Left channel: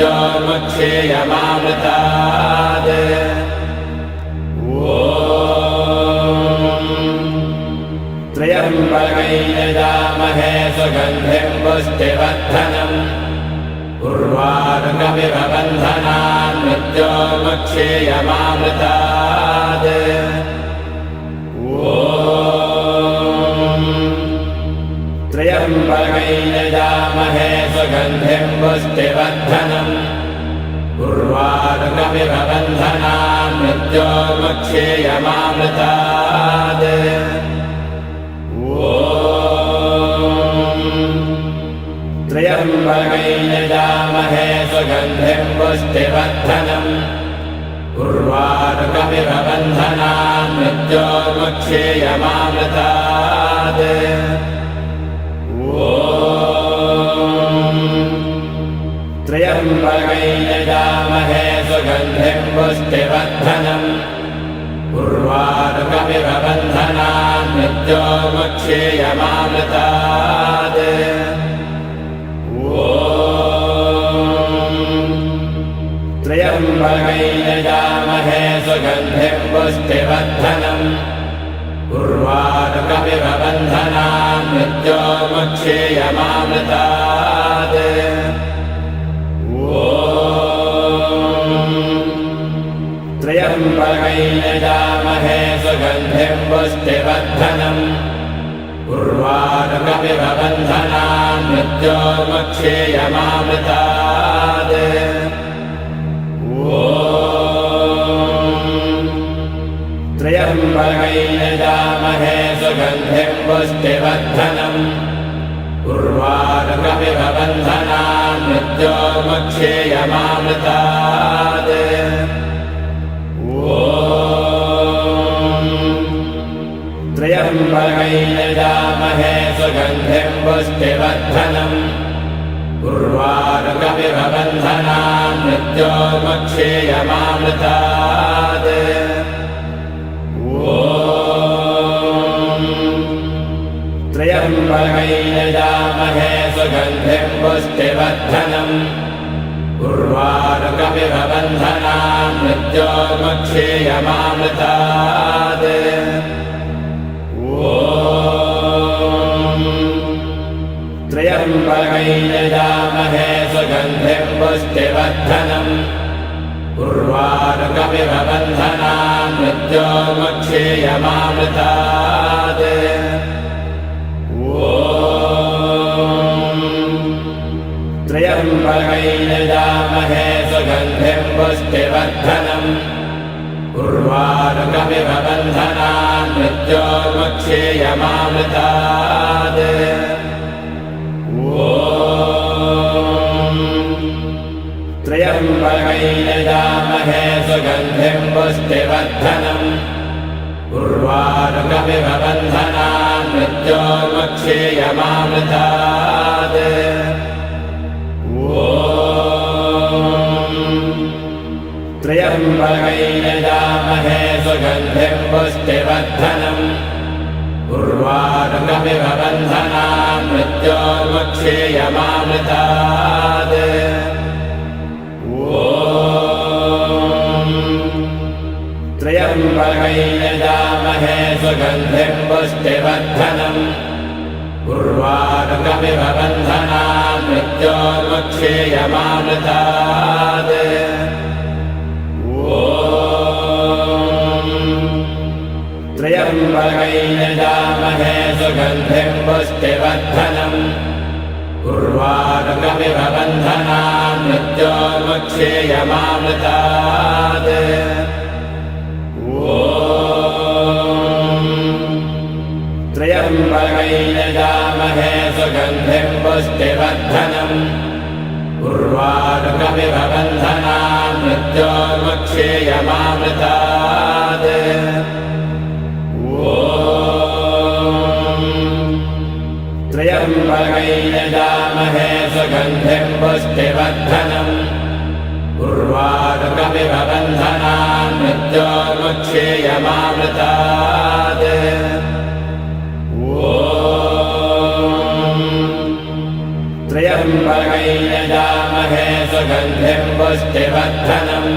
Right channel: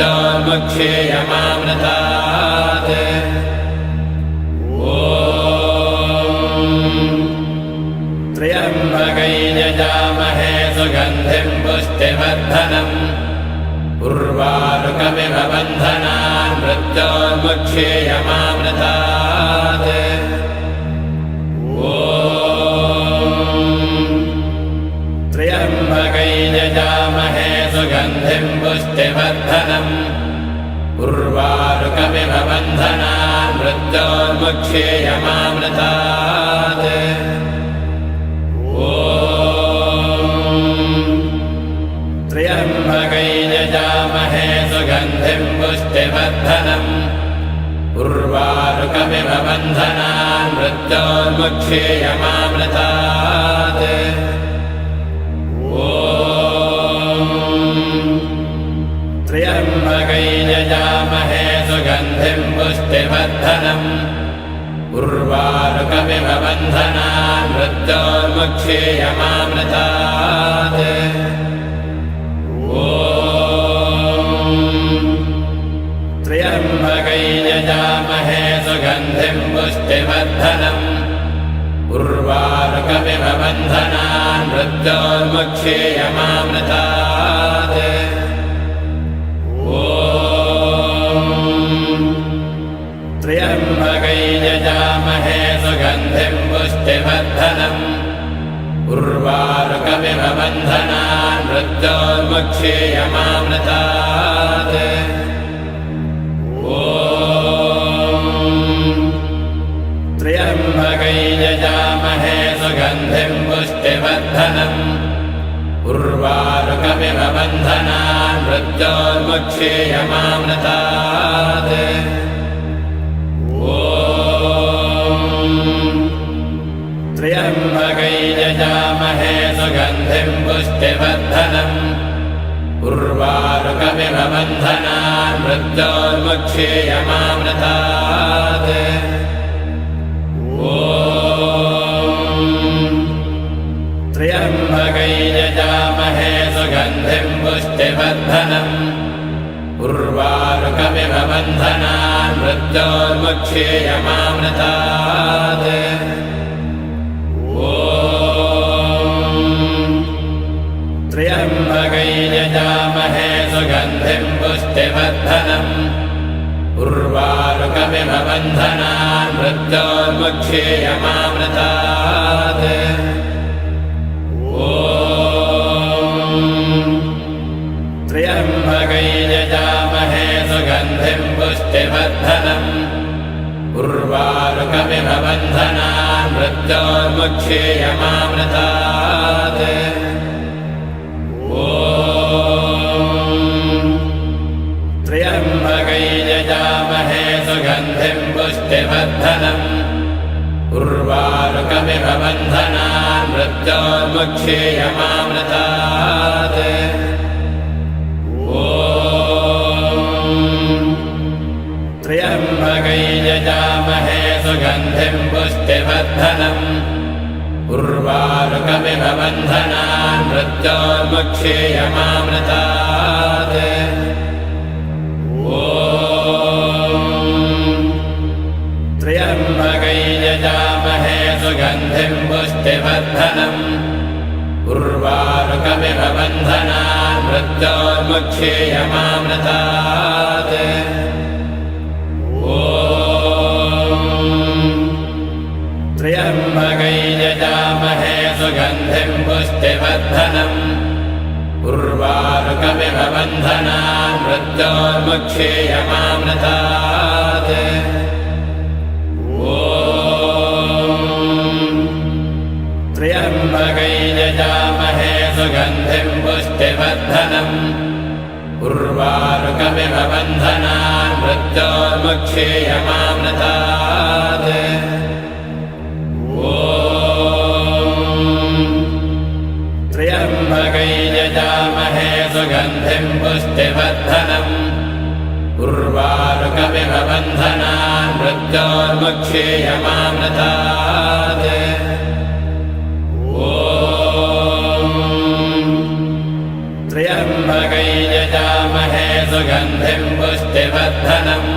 मृत्योन्मुक्षेयमामृतात् त्र्यम्बकैर्यजामहे सुगन्धिं पुष्टिवर्धनम् उर्वारुकमिव बन्धनान् मृत्योन्मुक्षेयमामृतात् त्र्यम्बकैर्यजामहे सुगन्धिं पुष्टिवर्धनम् उर्वारुकमिव बन्धनान् मृत्योन्मुक्षेयमामृतात् त्र्यम्बकैर्यजामहे सुगन्धिं पुष्टिवर्धनम् उर्वारुकमिव बन्धनान् मृत्योन्मुक्षेयमामृतात् त्र्यम्बकैर्यजामहे सुगन्धिं पुष्टिवर्धनम् उर्वारुकमिव बन्धनान् मृत्योन्मुक्षेयमामृतात् त्र्यम्बकैर्यजामहे सुगन्धिं पुष्टिवर्धनम् उर्वारुकमिव बन्धनान् मृत्योन्मुक्षेयमामृतात् त्र्यम्बकैर्यजामहे सुगन्धिं पुष्टिवर्धनम् उर्वारुकमिव बन्धनान् मृत्योन्मुक्षेयमामृतात् त्र्यम्बकैर्यजामहे सुगन्धिं पुष्टिवर्धनम् उर्वारुकमिव बन्धनान् मृत्योन्मुक्षेयमामृतात् त्र्यम्बकैर्यजामहे सुगन्धिं पुष्टिवर्धनम् उर्वारुकमिव बन्धनान् मृत्योन्मुक्षेयमामृतात् त्र्यम्बकैर्यजामहे सुगन्धिं पुष्टिवर्धनम् उर्वारुकमिव बन्धनान् मृत्योन्मुक्षेयमामृतात् त्र्यम्बकैर्यजामहे सुगन्धिं पुष्टिवर्धनम् उर्वारुकमिव बन्धनान् मृत्योन्मुक्षेयमामृतात् त्र्यम्बकैर्यजामहे सुगन्धिं पुष्टिवर्धनम् उर्वारुकमिव बन्धनान् मृत्योन्मुक्षेयमामृतात् त्र्यम्बकैर्यजामहे सुगन्धिं पुष्टिवर्धनम् उर्वारुकमिव बन्धनान् मृत्योन्मुक्षेयमामृतात् त्र्यम्बकैर्यजामहे सुगन्धिं पुष्टिवर्धनम् उर्वारुकमिव बन्धनान् मृत्योन्मुक्षेयमामृतात् त्र्यम्बकैर्यजामहे सुगन्धिं पुष्टिवर्धनम् उर्वारुकमिव बन्धनान् मृत्योन्मुक्षेयमामृतात् त्र्यम्बकैर्यजामहे सुगन्धिं पुष्टिवर्धनम् उर्वारुकमिव बन्धनान् मृत्योन्मुक्षेयमामृतात् त्र्यम्बकैर्यजामहे सुगन्धिं पुष्टिवर्धनम् उर्वारुकमिव बन्धनान् मृत्योन्मुक्षेयमामृतात् त्र्यम्बकैर्यजामहे सुगन्धिं पुष्टिवर्धनम् उर्वारुकमिव बन्धनान् मृत्योन्मुक्षेयमामृतात् त्र्यम्बकैर्यजामहे सुगन्धिं पुष्टिवर्धनम्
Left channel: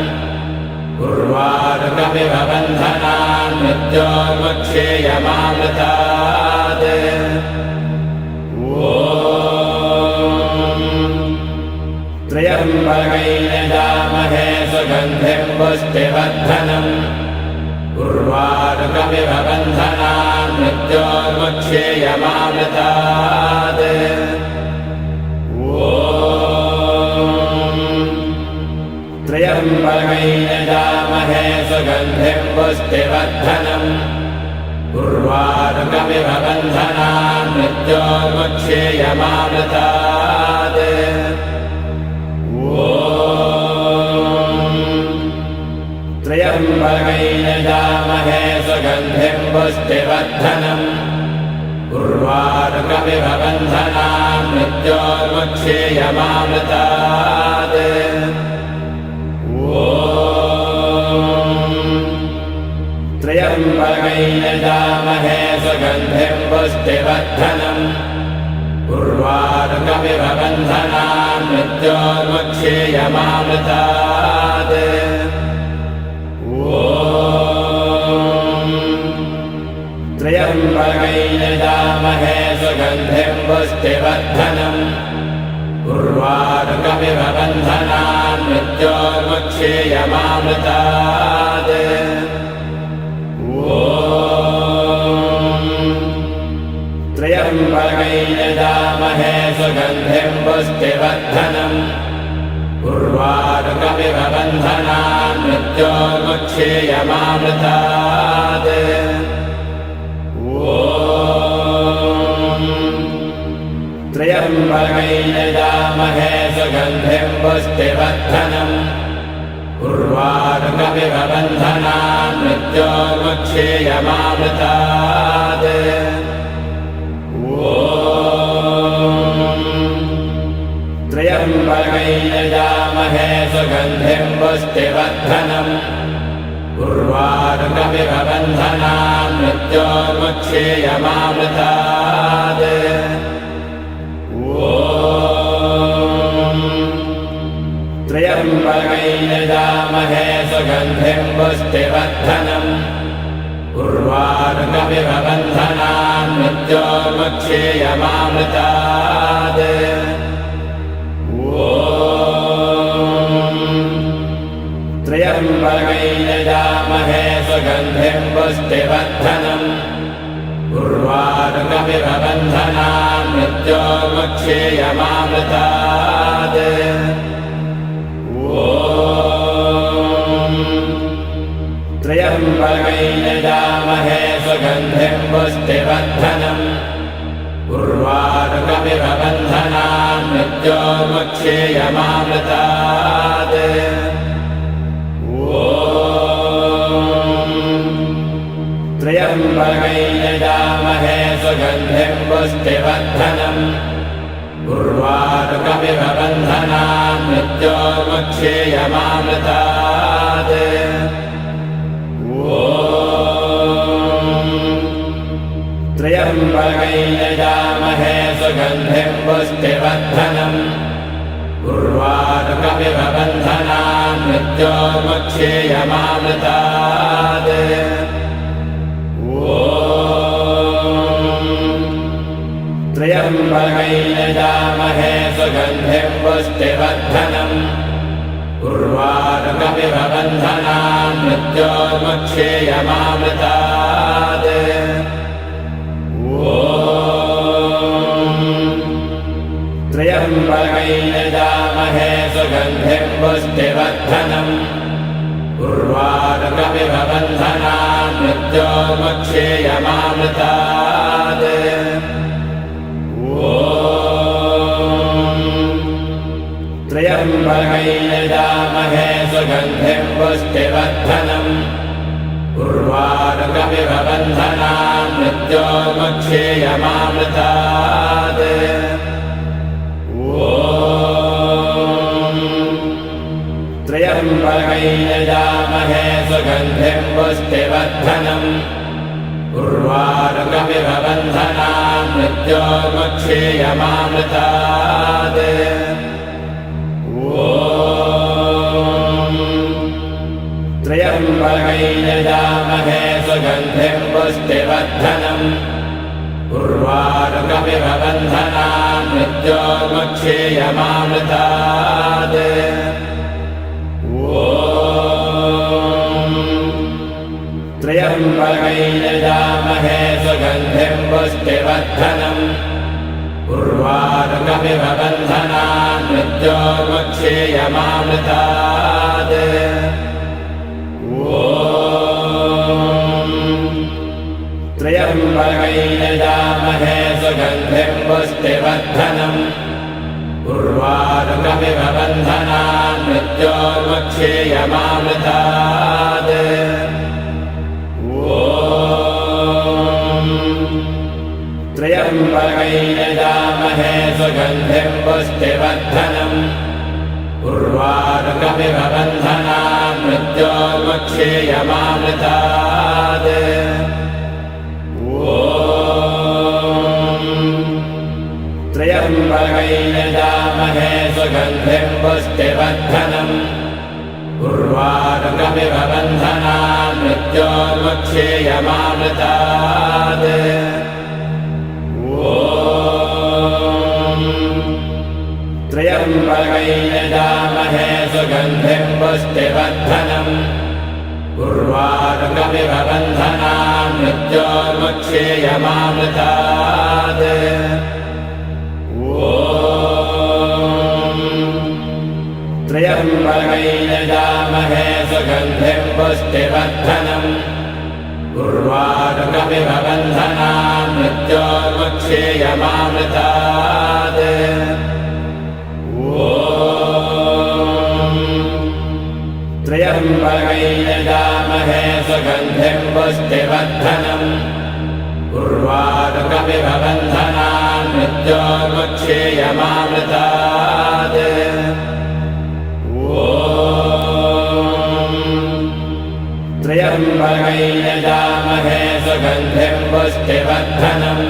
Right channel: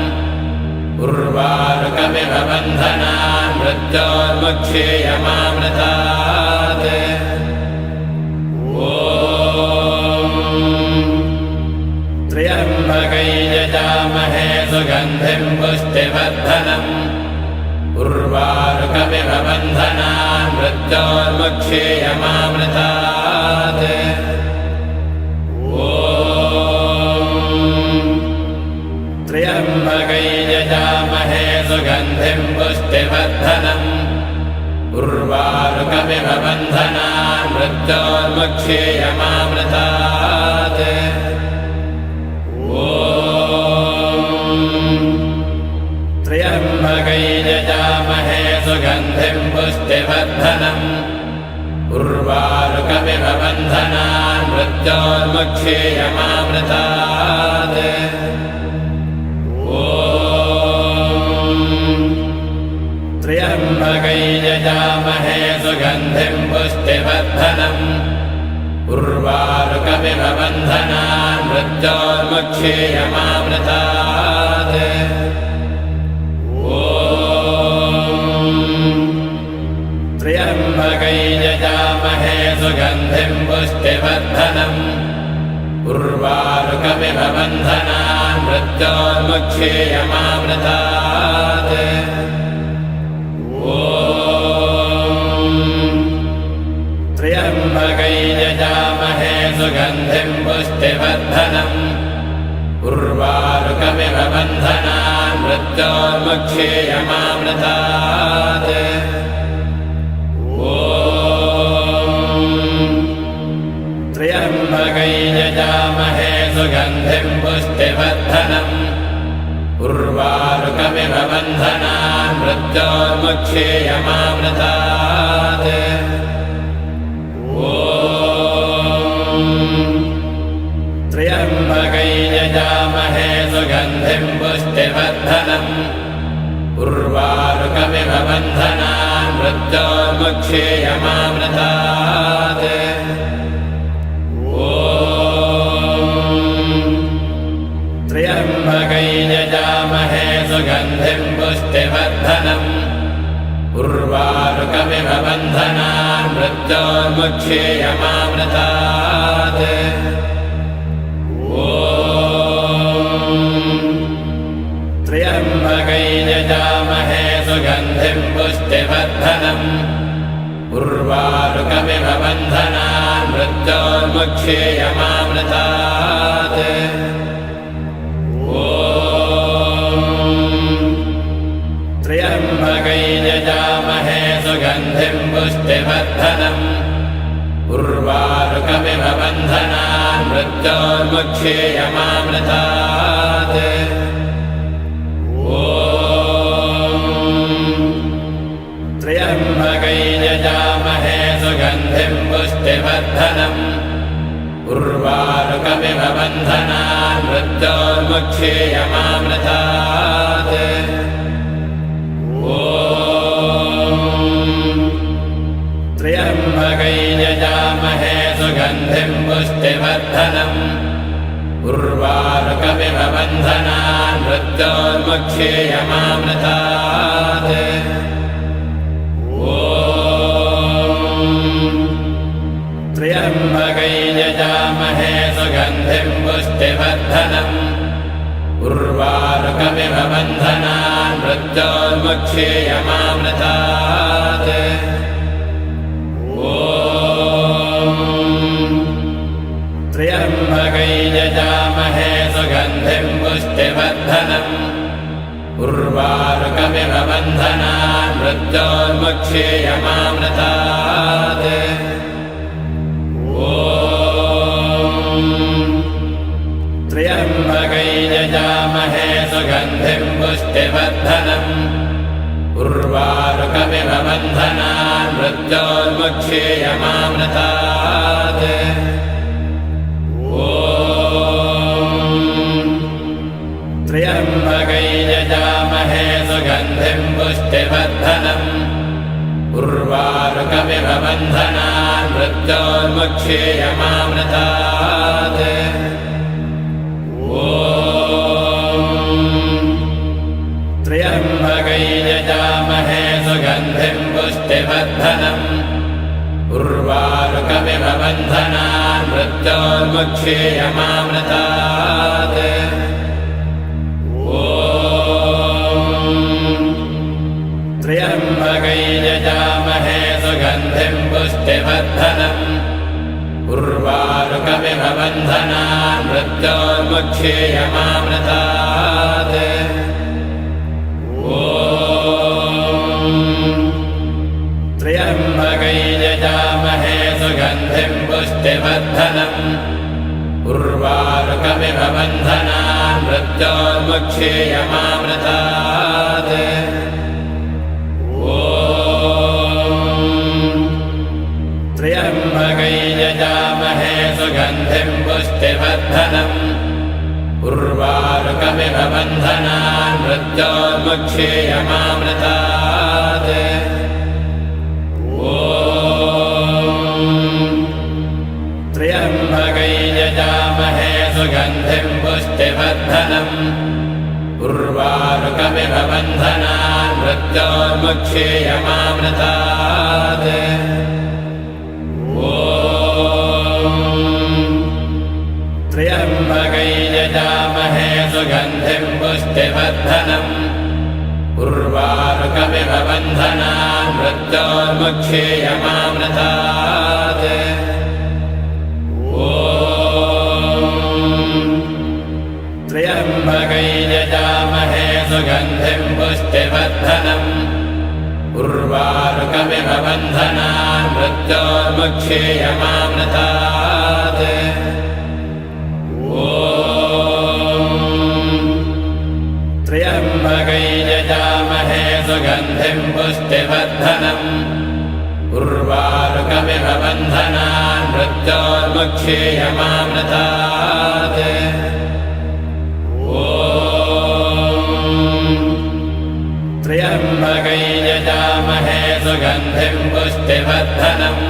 उर्वारुकमिव बन्धनान् मृत्योर्मुक्षेयमामृतात् त्र्यम्बकै यजामहे सुगन्धिं पुष्टिवर्धनम् उर्वारुकमिव बन्धनान् मृत्योर्मुक्षेयमामृतात् त्र्यम्बकै यजामहे सुगन्धिं पुष्टिवर्धनम् उर्वारुकमिव बन्धनान् मृत्योर्मुक्षेयमामृतात् त्र्यम्बकै यजामहे सुगन्धिं पुष्टिवर्धनम् उर्वारुकमिव बन्धनान् मृत्योर्मुक्षेयमामृतात् त्र्यम्बकै यजामहे सुगन्धिं पुष्टिवर्धनम् उर्वारुकमिव बन्धनान् मृत्योर्मुक्षेयमामृतात् त्र्यम्बकै यजामहे सुगन्धिं पुष्टिवर्धनम् उर्वारुकमिव बन्धनान् मृत्योर्मुक्षेयमामृतात् त्र्यम्बकै यजामहे सुगन्धिं पुष्टिवर्धनम् उर्वारुकमिव बन्धनान् मृत्योर्मुक्षेयमामृतात् त्र्यम्बकै यजामहे सुगन्धिं पुष्टिवर्धनम् उर्वारुकमिव बन्धनान् मृत्योर्मुक्षेयमामृतात् त्र्यम्बकै यजामहे सुगन्धिं पुष्टिवर्धनम् उर्वारुकमिव बन्धनान् मृत्योर्मुक्षेयमामृतात् त्र्यम्बकै यजामहे सुगन्धिं पुष्टिवर्धनम् उर्वारुकमिव बन्धनान् मृत्योर्मुक्षेयमामृतात् त्र्यम्बकै यजामहे सुगन्धिं पुष्टिवर्धनम् उर्वारुकमिव बन्धनान् मृत्योर्मुक्षेयमामृतात् त्र्यम्बकै यजामहे सुगन्धिं पुष्टिवर्धनम् उर्वारुकमिव बन्धनान् मृत्योर्मुक्षेयमामृतात् त्र्यम्बकै यजामहे सुगन्धिं पुष्टिवर्धनम् उर्वारुकमिव बन्धनान् मृत्योर्मुक्षेयमामृतात् त्र्यम्बकै यजामहे सुगन्धिं पुष्टिवर्धनम् उर्वारुकमिव बन्धनान् मृत्योर्मुक्षेयमामृतात् त्र्यम्बकै यजामहे सुगन्धिं पुष्टिवर्धनम् उर्वारुकमिव बन्धनान् मृत्योर्मुक्षेयमामृतात् त्र्यम्बकै यजामहे सुगन्धिं पुष्टिवर्धनम् उर्वारुकमिव बन्धनान् मृत्योर्मुक्षेयमामृतात् त्र्यम्बकै यजामहे सुगन्धिं पुष्टिवर्धनम् उर्वारुकमिव बन्धनान् मृत्योर्मुक्षेयमामृतात् त्र्यम्बकै यजामहे सुगन्धिं पुष्टिवर्धनम् उर्वारुकमिव बन्धनान् मृत्योर्मुक्षेयमामृतात् पुष्टिवर्धनम् उर्वारुकमिव बन्धनान् मृत्योन्मुक्षेयमामृतात् त्र्यम्बकैर्यजामहे सुगन्धिं पुष्टिवर्धनम् उर्वारुकमिव बन्धनान् मृत्योन्मुक्षेयमामृतात् त्र्यम्बकैर्यजामहे सुगन्धिं पुष्टिवर्धनम् उर्वारुकमिव बन्धनान् मृत्योन्मुक्षेयमामृतात् त्र्यम्बकैर्यजामहे सुगन्धिं पुष्टिवर्धनम् उर्वारुकमिव बन्धनान् मृत्योन्मुक्षेयमामृतात् त्र्यम्बकैर्यजामहे सुगन्धिं पुष्टिवर्धनम् उर्वारुकमिव बन्धनान् मृत्योन्मुक्षेयमामृतात् त्र्यम्बकैर्यजामहे सुगन्धिं पुष्टिवर्धनम् उर्वारुकमिव बन्धनान् मृत्योन्मुक्षेयमामृतात् त्र्यम्बकैर्यजामहे सुगन्धिं पुष्टिवर्धनम् उर्वारुकमिव बन्धनान् मृत्योन्मुक्षेयमामृतात् त्र्यम्बकैर्यजामहे सुगन्धिं पुष्टिवर्धनम् उर्वारुकमिव बन्धनान् मृत्योन्मुक्षेयमामृतात् त्र्यम्बकैर्यजामहे सुगन्धिं पुष्टिवर्धनम्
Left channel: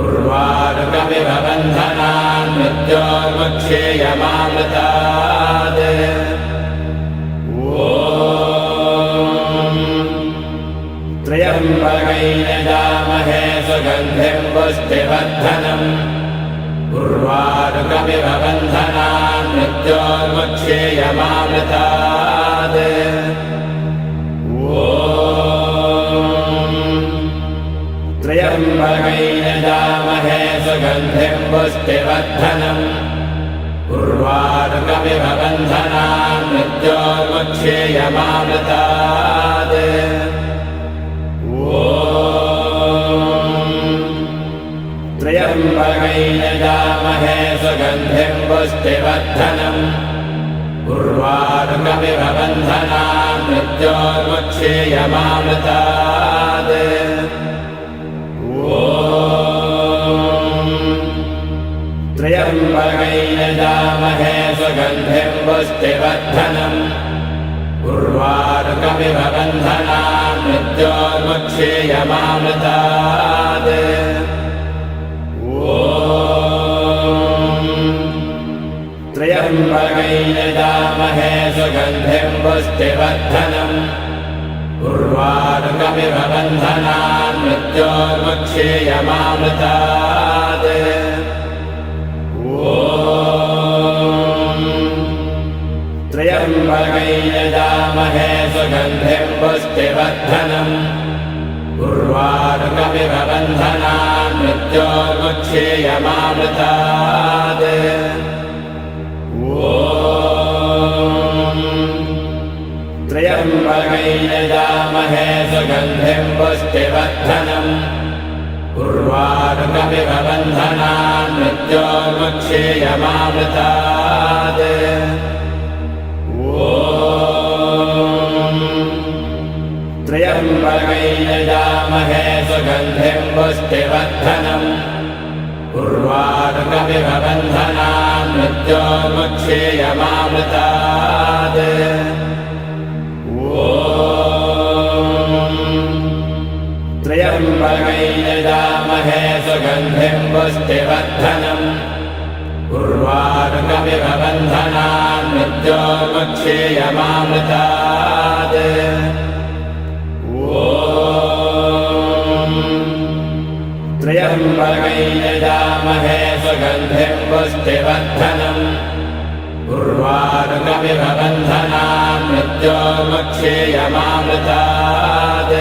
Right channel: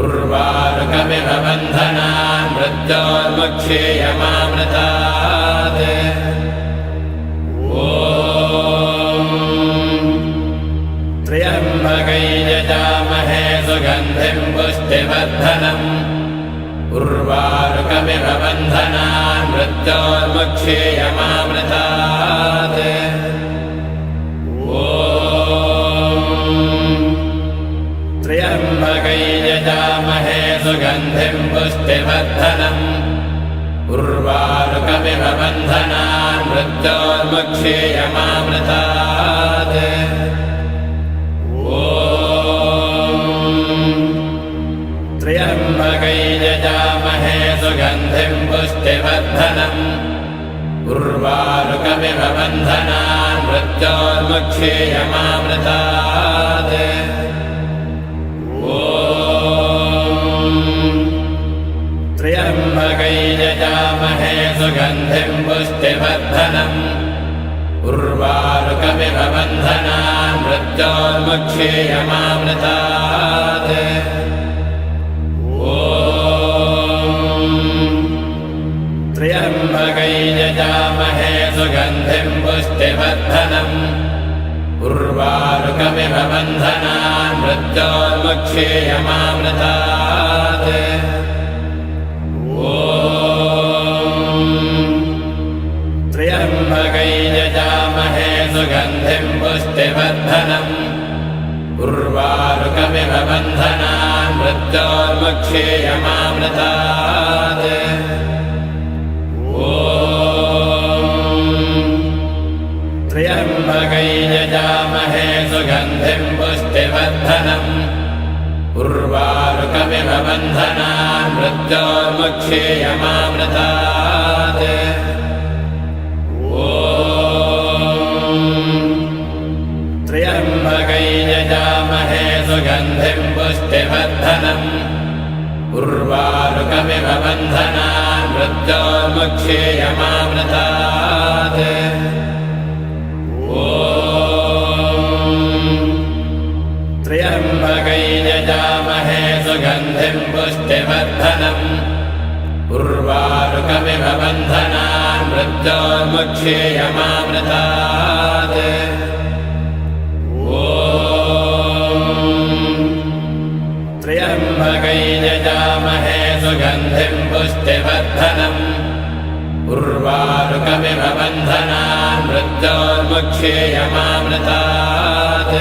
उर्वारुकमिव बन्धनान् मृत्योन्मुक्षेयमामृतात् त्र्यम्बकैर्यजामहे सुगन्धिं पुष्टिवर्धनम् उर्वारुकमिव बन्धनान् मृत्योन्मुक्षेयमामृतात् त्र्यम्बकैर्यजामहे सुगन्धिं पुष्टिवर्धनम् उर्वारुकमिव बन्धनान् मृत्योन्मुक्षेयमामृतात् त्र्यम्बकैर्यजामहे सुगन्धिं पुष्टिवर्धनम् उर्वारुकमिव बन्धनान् मृत्योन्मुक्षेयमामृतात् त्र्यम्बकैर्यजामहे सुगन्धिं पुष्टिवर्धनम् उर्वारुकमिव बन्धनान् मृत्योन्मुक्षेयमामृतात् त्र्यम्बकैर्यजामहे सुगन्धिं पुष्टिवर्धनम् उर्वारुकमिव बन्धनान् मृत्योन्मुक्षेयमामृतात् त्र्यम्बकैर्यजामहे सुगन्धिं पुष्टिवर्धनम् उर्वारुकमिव बन्धनान् मृत्योन्मुक्षेयमामृतात् त्र्यम्बकैर्यजामहे सुगन्धिं पुष्टिवर्धनम् उर्वारुकमिव बन्धनान् मृत्योन्मुक्षेयमामृतात् त्र्यम्बकैर्यजामहे सुगन्धिं पुष्टिवर्धनम् उर्वारुकमिव बन्धनान् मृत्योन्मुक्षेयमामृतात् त्र्यम्बकैर्यजामहे सुगन्धिं पुष्टिवर्धनम् उर्वारुकमिव बन्धनान् मृत्योन्मुक्षेयमामृतात् त्र्यम्बकैर्यजामहे सुगन्धिं पुष्टिवर्धनम् उर्वारुकमिव बन्धनान् मृत्योर्मुक्षेयमामृतात्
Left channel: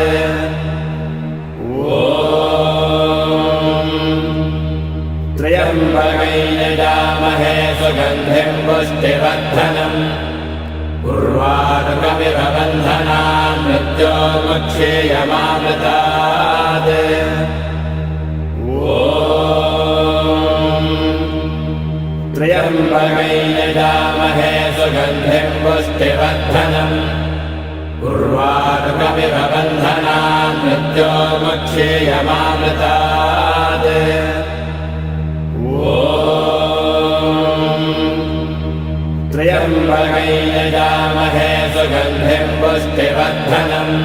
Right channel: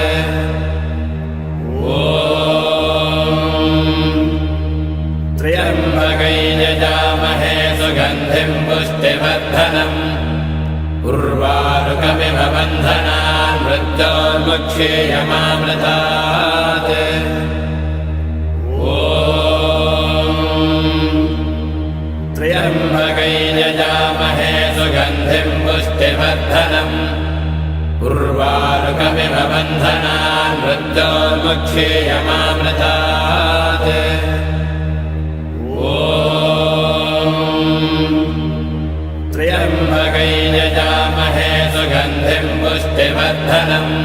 त्र्यम्बकैर्यजामहे सुगन्धिं पुष्टिवर्धनम् उर्वारुकमिव बन्धनान् मृत्योर्मुक्षेयमामृतात् त्र्यम्बकैर्यजामहे सुगन्धिं पुष्टिवर्धनम् उर्वारुकमिव बन्धनान् मृत्योर्मुक्षेयमामृतात् त्र्यम्बकैर्यजामहे सुगन्धिं पुष्टिवर्धनम्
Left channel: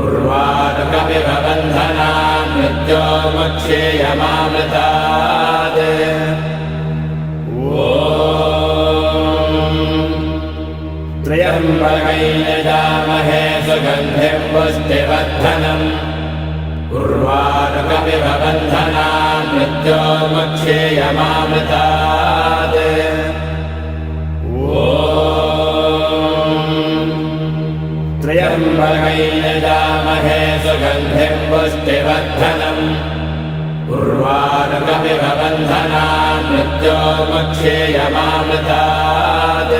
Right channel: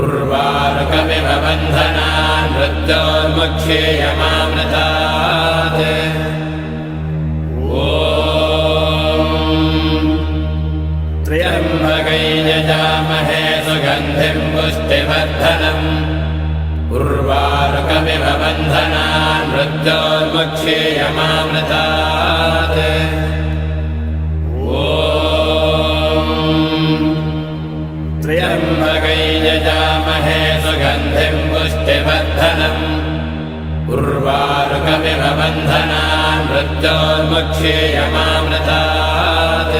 उर्वारुकमिव बन्धनान् मृत्योर्मुक्षेयमामृतात् त्र्यम्बकैर्यजामहे सुगन्धिं पुष्टिवर्धनम् उर्वारुकमिव बन्धनान् मृत्योर्मुक्षेयमामृतात् त्र्यम्बकैर्यजामहे सुगन्धिं पुष्टिवर्धनम् उर्वारुकमिव बन्धनान् मृत्योर्मुक्षेयमामृतात्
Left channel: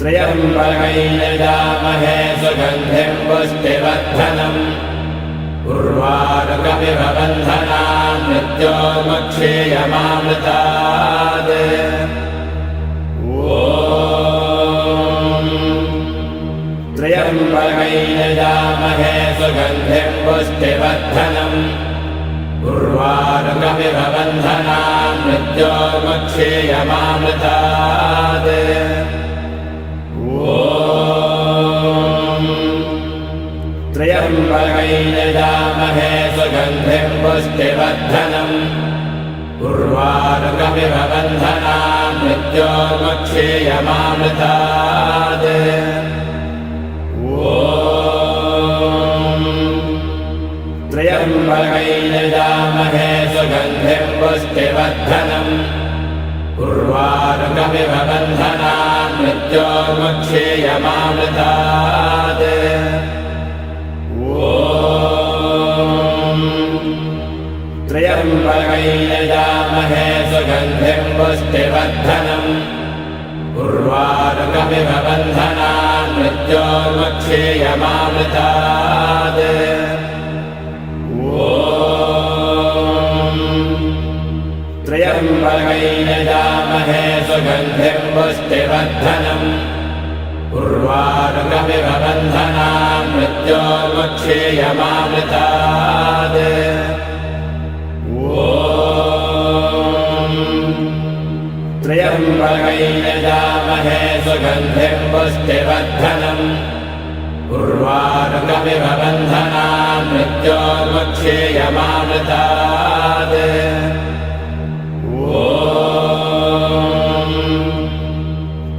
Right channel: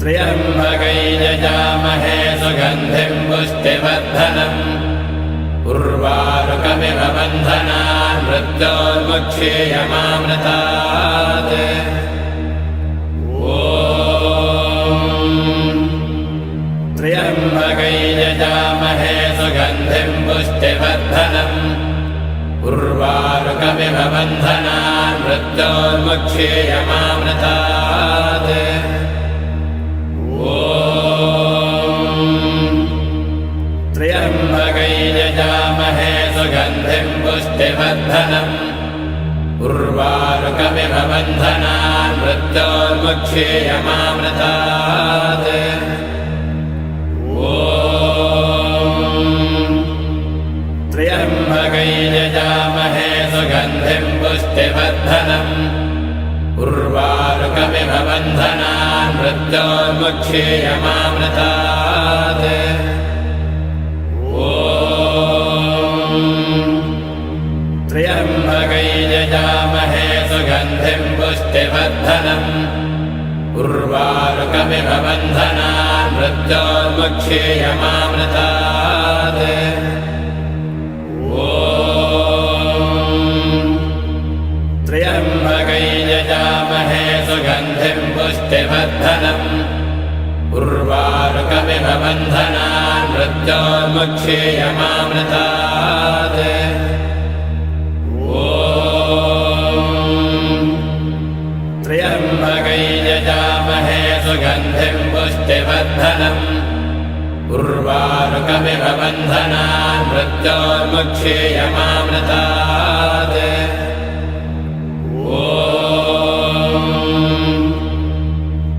त्र्यम्बकैर्यजामहे सुगन्धिं पुष्टिवर्धनम् उर्वारुकमिव बन्धनान् मृत्योर्मुक्षेयमामृतात् त्र्यम्बकैर्यजामहे सुगन्धिं पुष्टिवर्धनम् उर्वारुकमिव बन्धनान् मृत्योर्मुक्षेयमामृतात् त्र्यम्बकैर्यजामहे सुगन्धिं पुष्टिवर्धनम् उर्वारुकमिव बन्धनान् मृत्योर्मुक्षेयमामृतात् त्र्यम्बकैर्यजामहे सुगन्धिं पुष्टिवर्धनम् उर्वारुकमिव बन्धनान् मृत्योर्मुक्षेयमामृतात् त्र्यम्बकैर्यजामहे सुगन्धिं पुष्टिवर्धनम् उर्वारुकमिव बन्धनान् मृत्योर्मुक्षेयमामृतात् त्र्यम्बकैर्यजामहे सुगन्धिं पुष्टिवर्धनम् उर्वारुकमिव बन्धनान् मृत्योर्मुक्षेयमामृतात् त्र्यम्बकैर्यजामहे सुगन्धिं पुष्टिवर्धनम् उर्वारुकमिव बन्धनान् मृत्योर्मुक्षेयमामृतात्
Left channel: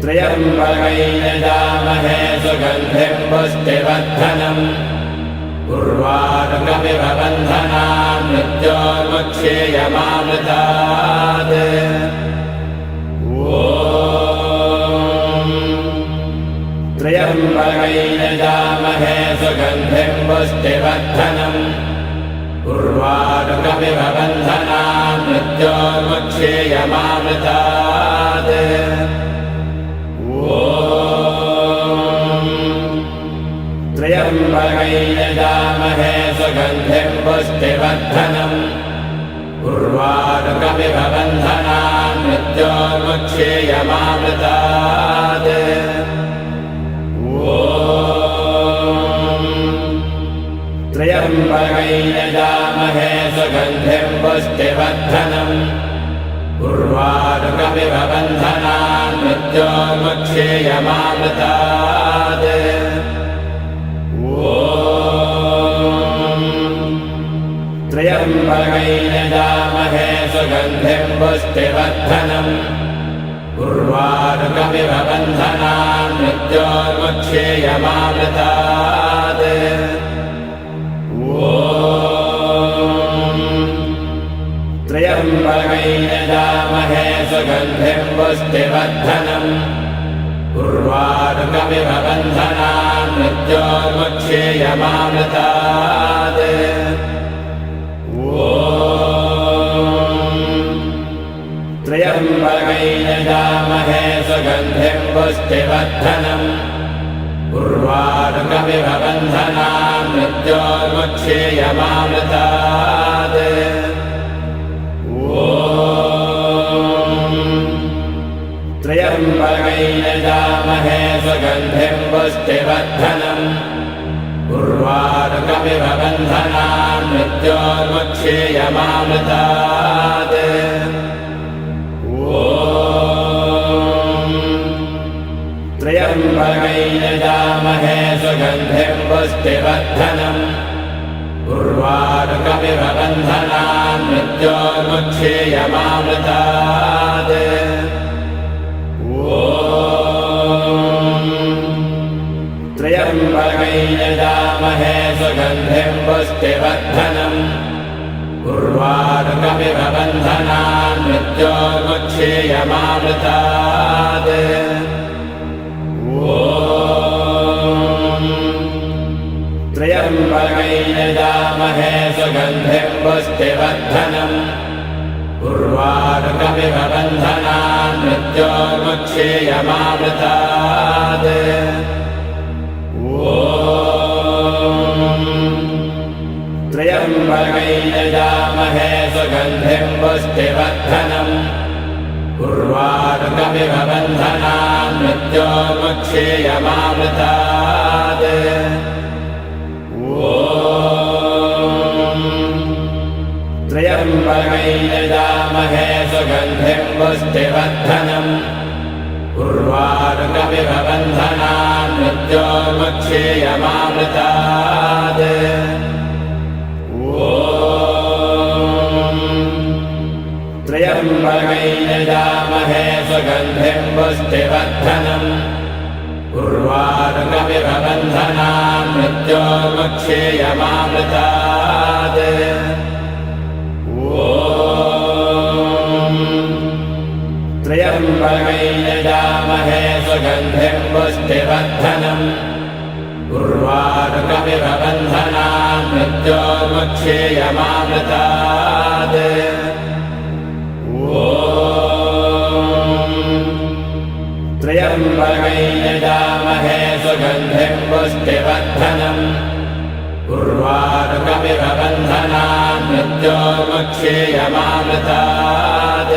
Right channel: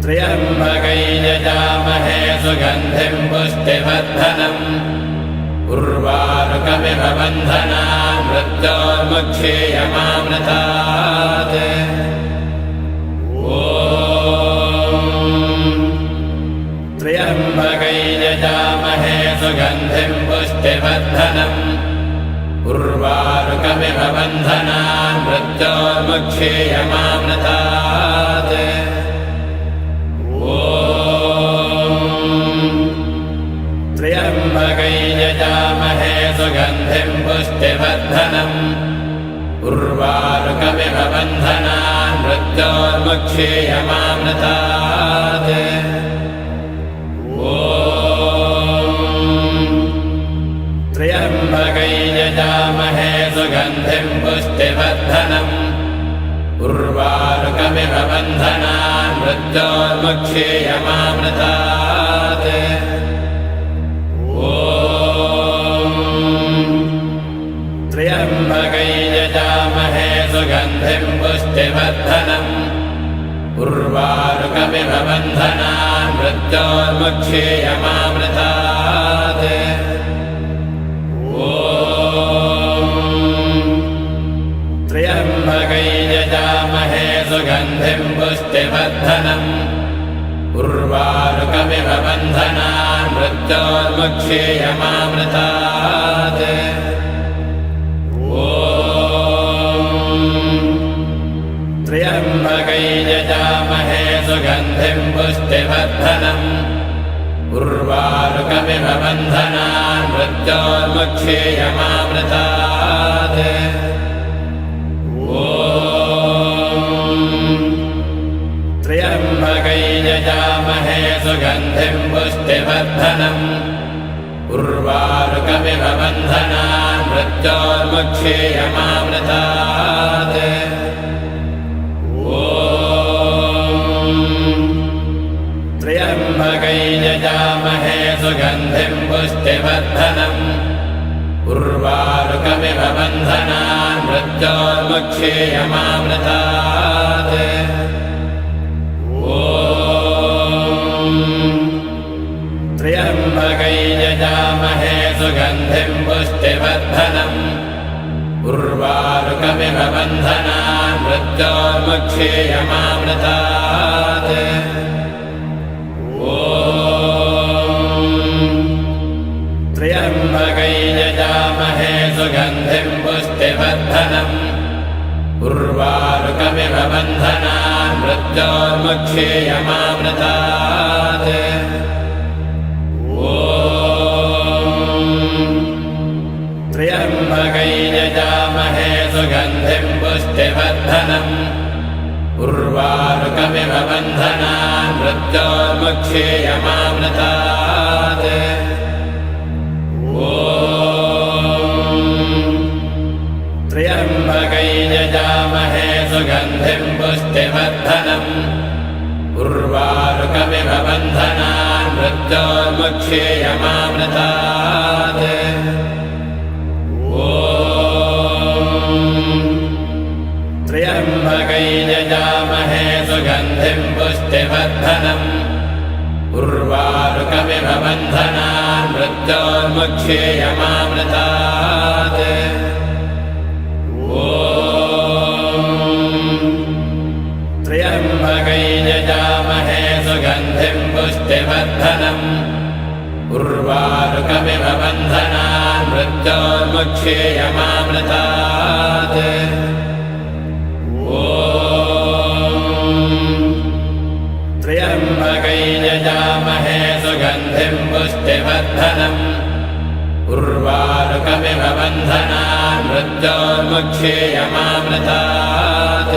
त्र्यम्बकैर्यजामहे सुगन्धिं पुष्टिवर्धनम् उर्वारुकमिव बन्धनान् मृत्योर्मुक्षेयमामृतात् त्र्यम्बकैर्यजामहे सुगन्धिं पुष्टिवर्धनम् उर्वारुकमिव बन्धनान् मृत्योर्मुक्षेयमामृतात् त्र्यम्बकैर्यजामहे सुगन्धिं पुष्टिवर्धनम् उर्वारुकमिव बन्धनान् मृत्योर्मुक्षेयमामृतात् त्र्यम्बकैर्यजामहे सुगन्धिं पुष्टिवर्धनम् उर्वारुकमिव बन्धनान् मृत्योर्मुक्षेयमामृतात् त्र्यम्बकैर्यजामहे सुगन्धिं पुष्टिवर्धनम् उर्वारुकमिव बन्धनान् मृत्योर्मुक्षेयमामृतात् ॐ त्र्यम्बकै यजामहे सुगन्धिं पुष्टिवर्धनम् उर्वारुकमिव बन्धनान् मृत्योर्मुक्षेयमामृतात् त्र्यम्बकै यजामहे सुगन्धिं पुष्टिवर्धनम् उर्वारुकमिव बन्धनान् मृत्योर्मुक्षेयमामृतात् त्र्यम्बकै यजामहे सुगन्धिं पुष्टिवर्धनम् उर्वारुकमिव बन्धनान् मृत्योर्मुक्षेयमामृतात् त्र्यम्बकै यजामहे सुगन्धिं पुष्टिवर्धनम् उर्वारुकमिव बन्धनान् मृत्योर्मुक्षेयमामृतात् त्र्यम्बकै यजामहे सुगन्धिं पुष्टिवर्धनम् उर्वारुकमिव बन्धनान् मृत्योर्मुक्षेयमामृतात् त्र्यम्बकै यजामहे सुगन्धिं पुष्टिवर्धनम् उर्वारुकमिव बन्धनान् मृत्योर्मुक्षेयमामृतात् त्र्यम्बकै यजामहे सुगन्धिं पुष्टिवर्धनम् उर्वारुकमिव बन्धनान् मृत्योर्मुक्षेयमामृतात् त्र्यम्बकै यजामहे सुगन्धिं पुष्टिवर्धनम् उर्वारुकमिव बन्धनान् मृत्योर्मुक्षेयमामृतात् त्र्यम्बकै यजामहे सुगन्धिं पुष्टिवर्धनम् उर्वारुकमिव बन्धनान् मृत्योर्मुक्षेयमामृतात् त्र्यम्बकै यजामहे सुगन्धिं पुष्टिवर्धनम् उर्वारुकमिव बन्धनान् मृत्योर्मुक्षेयमामृतात् त्र्यम्बकै यजामहे सुगन्धिं पुष्टिवर्धनम् उर्वारुकमिव बन्धनान् मृत्योर्मुक्षेयमामृतात्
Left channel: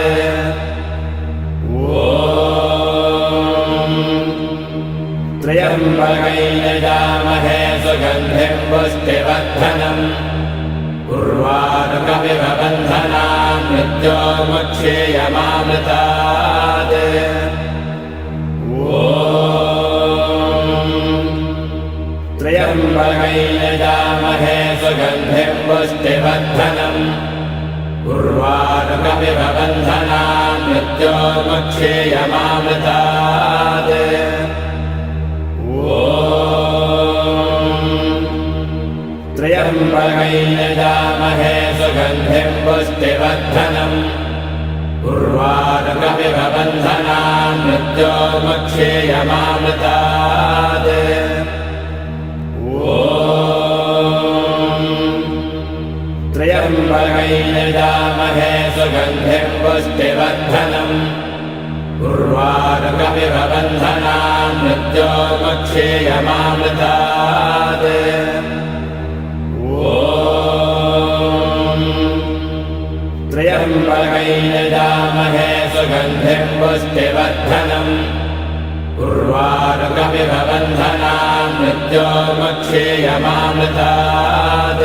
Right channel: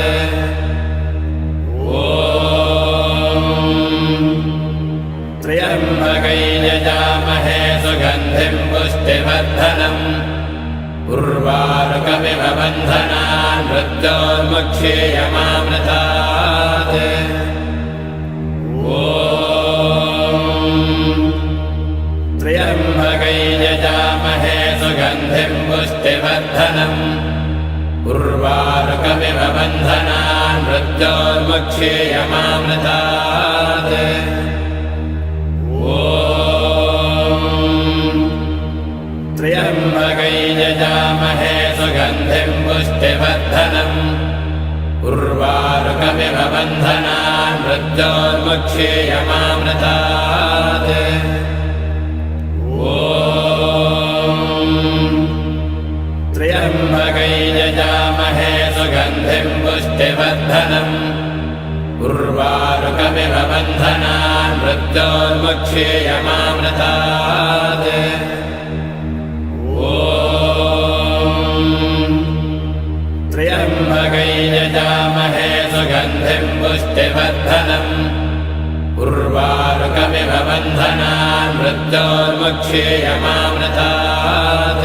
त्र्यम्बकै यजामहे सुगन्धिं पुष्टिवर्धनम् उर्वारुकमिव बन्धनान् मृत्योर्मुक्षेयमामृतात् त्र्यम्बकै यजामहे सुगन्धिं पुष्टिवर्धनम् उर्वारुकमिव बन्धनान् मृत्योर्मुक्षेयमामृतात् त्र्यम्बकै यजामहे सुगन्धिं पुष्टिवर्धनम् उर्वारुकमिव बन्धनान् मृत्योर्मुक्षेयमामृतात् त्र्यम्बकै यजामहे सुगन्धिं पुष्टिवर्धनम् उर्वारुकमिव बन्धनान् मृत्योर्मुक्षेयमामृतात् त्र्यम्बकै यजामहे सुगन्धिं पुष्टिवर्धनम् उर्वारुकमिव बन्धनान् मृत्योर्मुक्षेयमामृतात्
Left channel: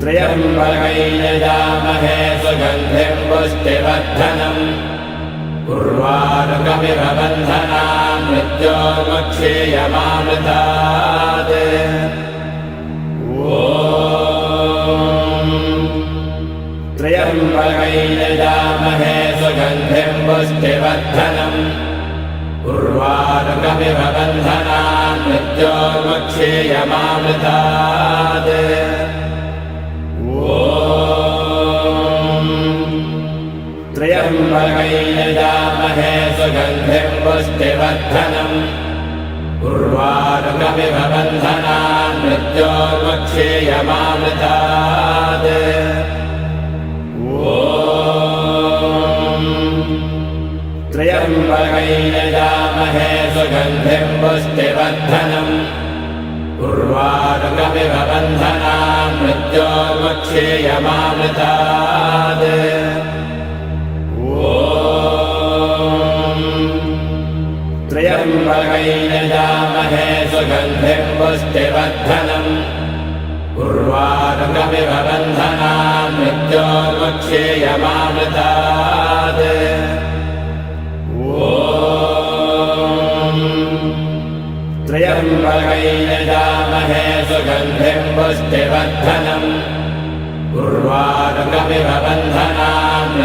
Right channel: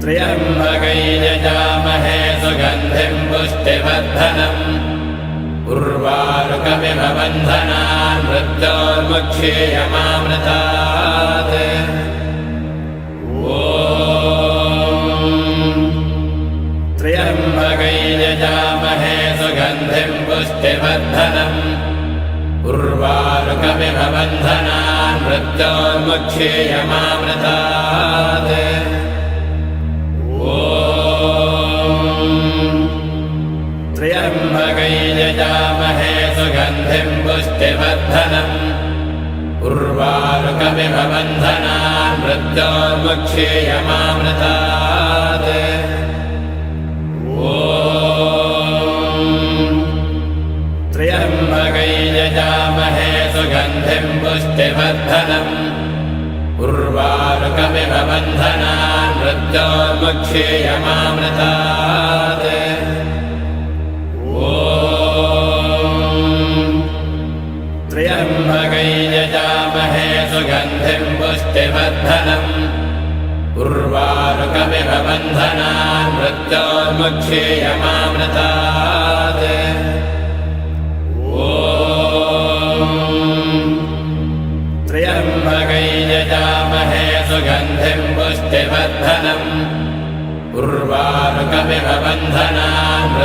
त्र्यम्बकै यजामहे सुगन्धिं पुष्टिवर्धनम् उर्वारुकमिव बन्धनान् मृत्योर्मुक्षेयमामृतात् त्र्यम्बकैर्यजामहे सुगन्धिं पुष्टिवर्धनम् त्र्यम्बकैर्यजामहे सुगन्धिं पुष्टिवर्धनम् उर्वारुकमिव बन्धनान् मृत्योर्मुक्षेयमामृतात् त्र्यम्बकैर्यजामहे सुगन्धिं पुष्टिवर्धनम् उर्वारुकमिव बन्धनान् मृत्योर्मुक्षेयमामृतात् त्र्यम्बकैर्यजामहे सुगन्धिं पुष्टिवर्धनम् उर्वारुकमिव बन्धनान् मृत्योर्मुक्षेयमामृतात् त्र्यम्बकैर्यजामहे सुगन्धिं पुष्टिवर्धनम् उर्वारुकमिव बन्धनान्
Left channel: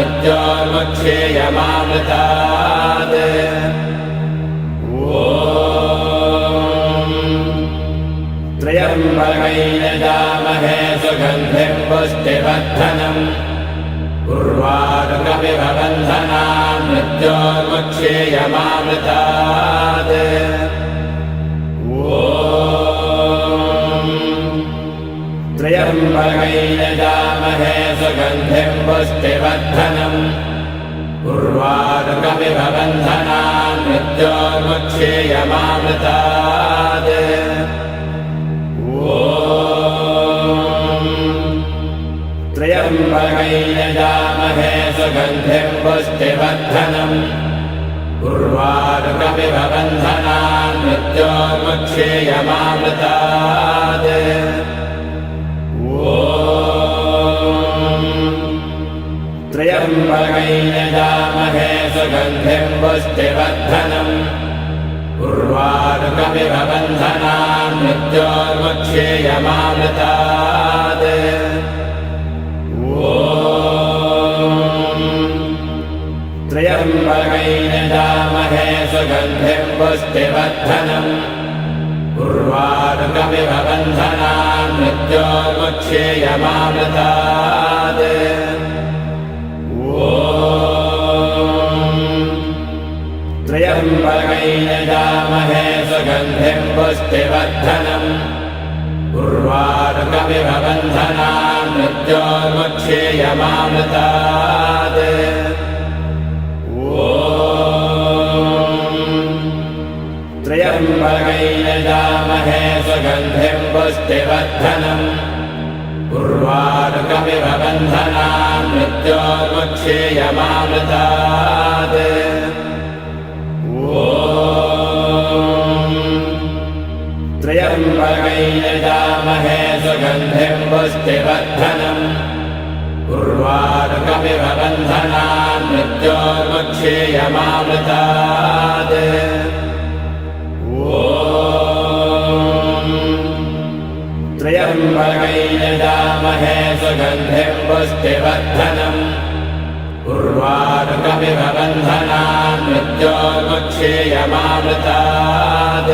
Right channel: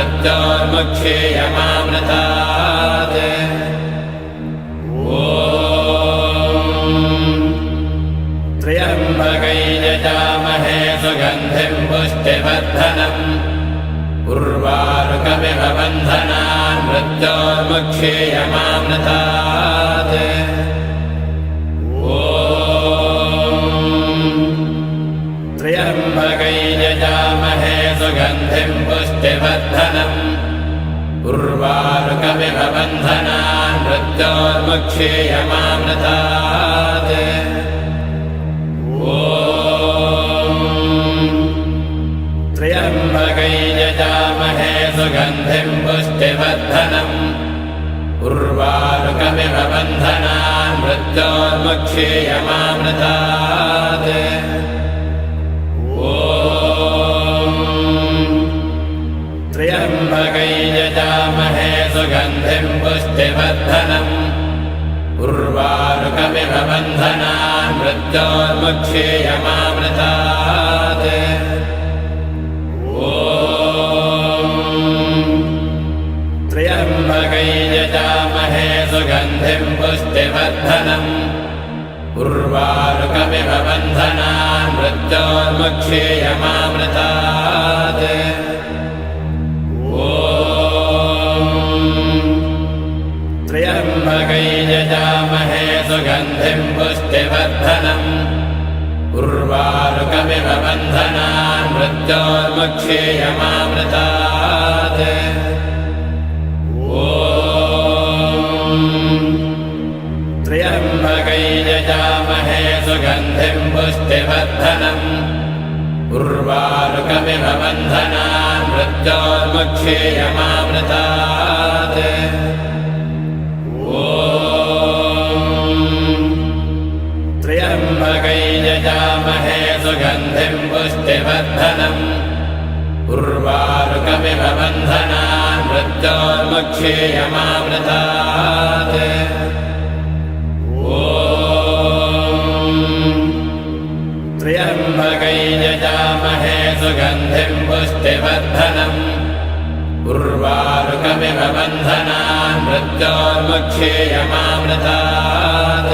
मृत्योर्मुक्षेयमामृतात् त्र्यम्बकैर्यजामहे सुगन्धिं पुष्टिवर्धनम् उर्वारुकमिव बन्धनान् मृत्योर्मुक्षेयमामृतात् त्र्यम्बकैर्यजामहे सुगन्धिं पुष्टिवर्धनम् उर्वारुकमिव बन्धनान् मृत्योर्मुक्षेयमामृतात् त्र्यम्बकैर्यजामहे सुगन्धिं पुष्टिवर्धनम् उर्वारुकमिव बन्धनान् मृत्योर्मुक्षेयमामृतात् त्र्यम्बकैर्यजामहे सुगन्धिं पुष्टिवर्धनम् उर्वारुकमिव बन्धनान् मृत्योर्मुक्षेयमामृतात् त्र्यम्बकैर्यजामहे सुगन्धिं पुष्टिवर्धनम् उर्वारुकमिव बन्धनान् मृत्योर्मुक्षेयमामृतात् त्र्यम्बकैर्यजामहे सुगन्धिं पुष्टिवर्धनम् उर्वारुकमिव बन्धनान् मृत्योर्मुक्षेयमामृतात् त्र्यम्बकैर्यजामहे सुगन्धिं पुष्टिवर्धनम् उर्वारुकमिव बन्धनान् मृत्योर्मुक्षेयमामृतात् त्र्यम्बकैर्यजामहे सुगन्धिं पुष्टिवर्धनम् उर्वारुकमिव बन्धनान् मृत्योर्मुक्षेयमामृतात् त्र्यम्बकैर्यजामहे सुगन्धिं पुष्टिवर्धनम् उर्वारुकमिव बन्धनान् मृत्योर्मुक्षेयमामृतात्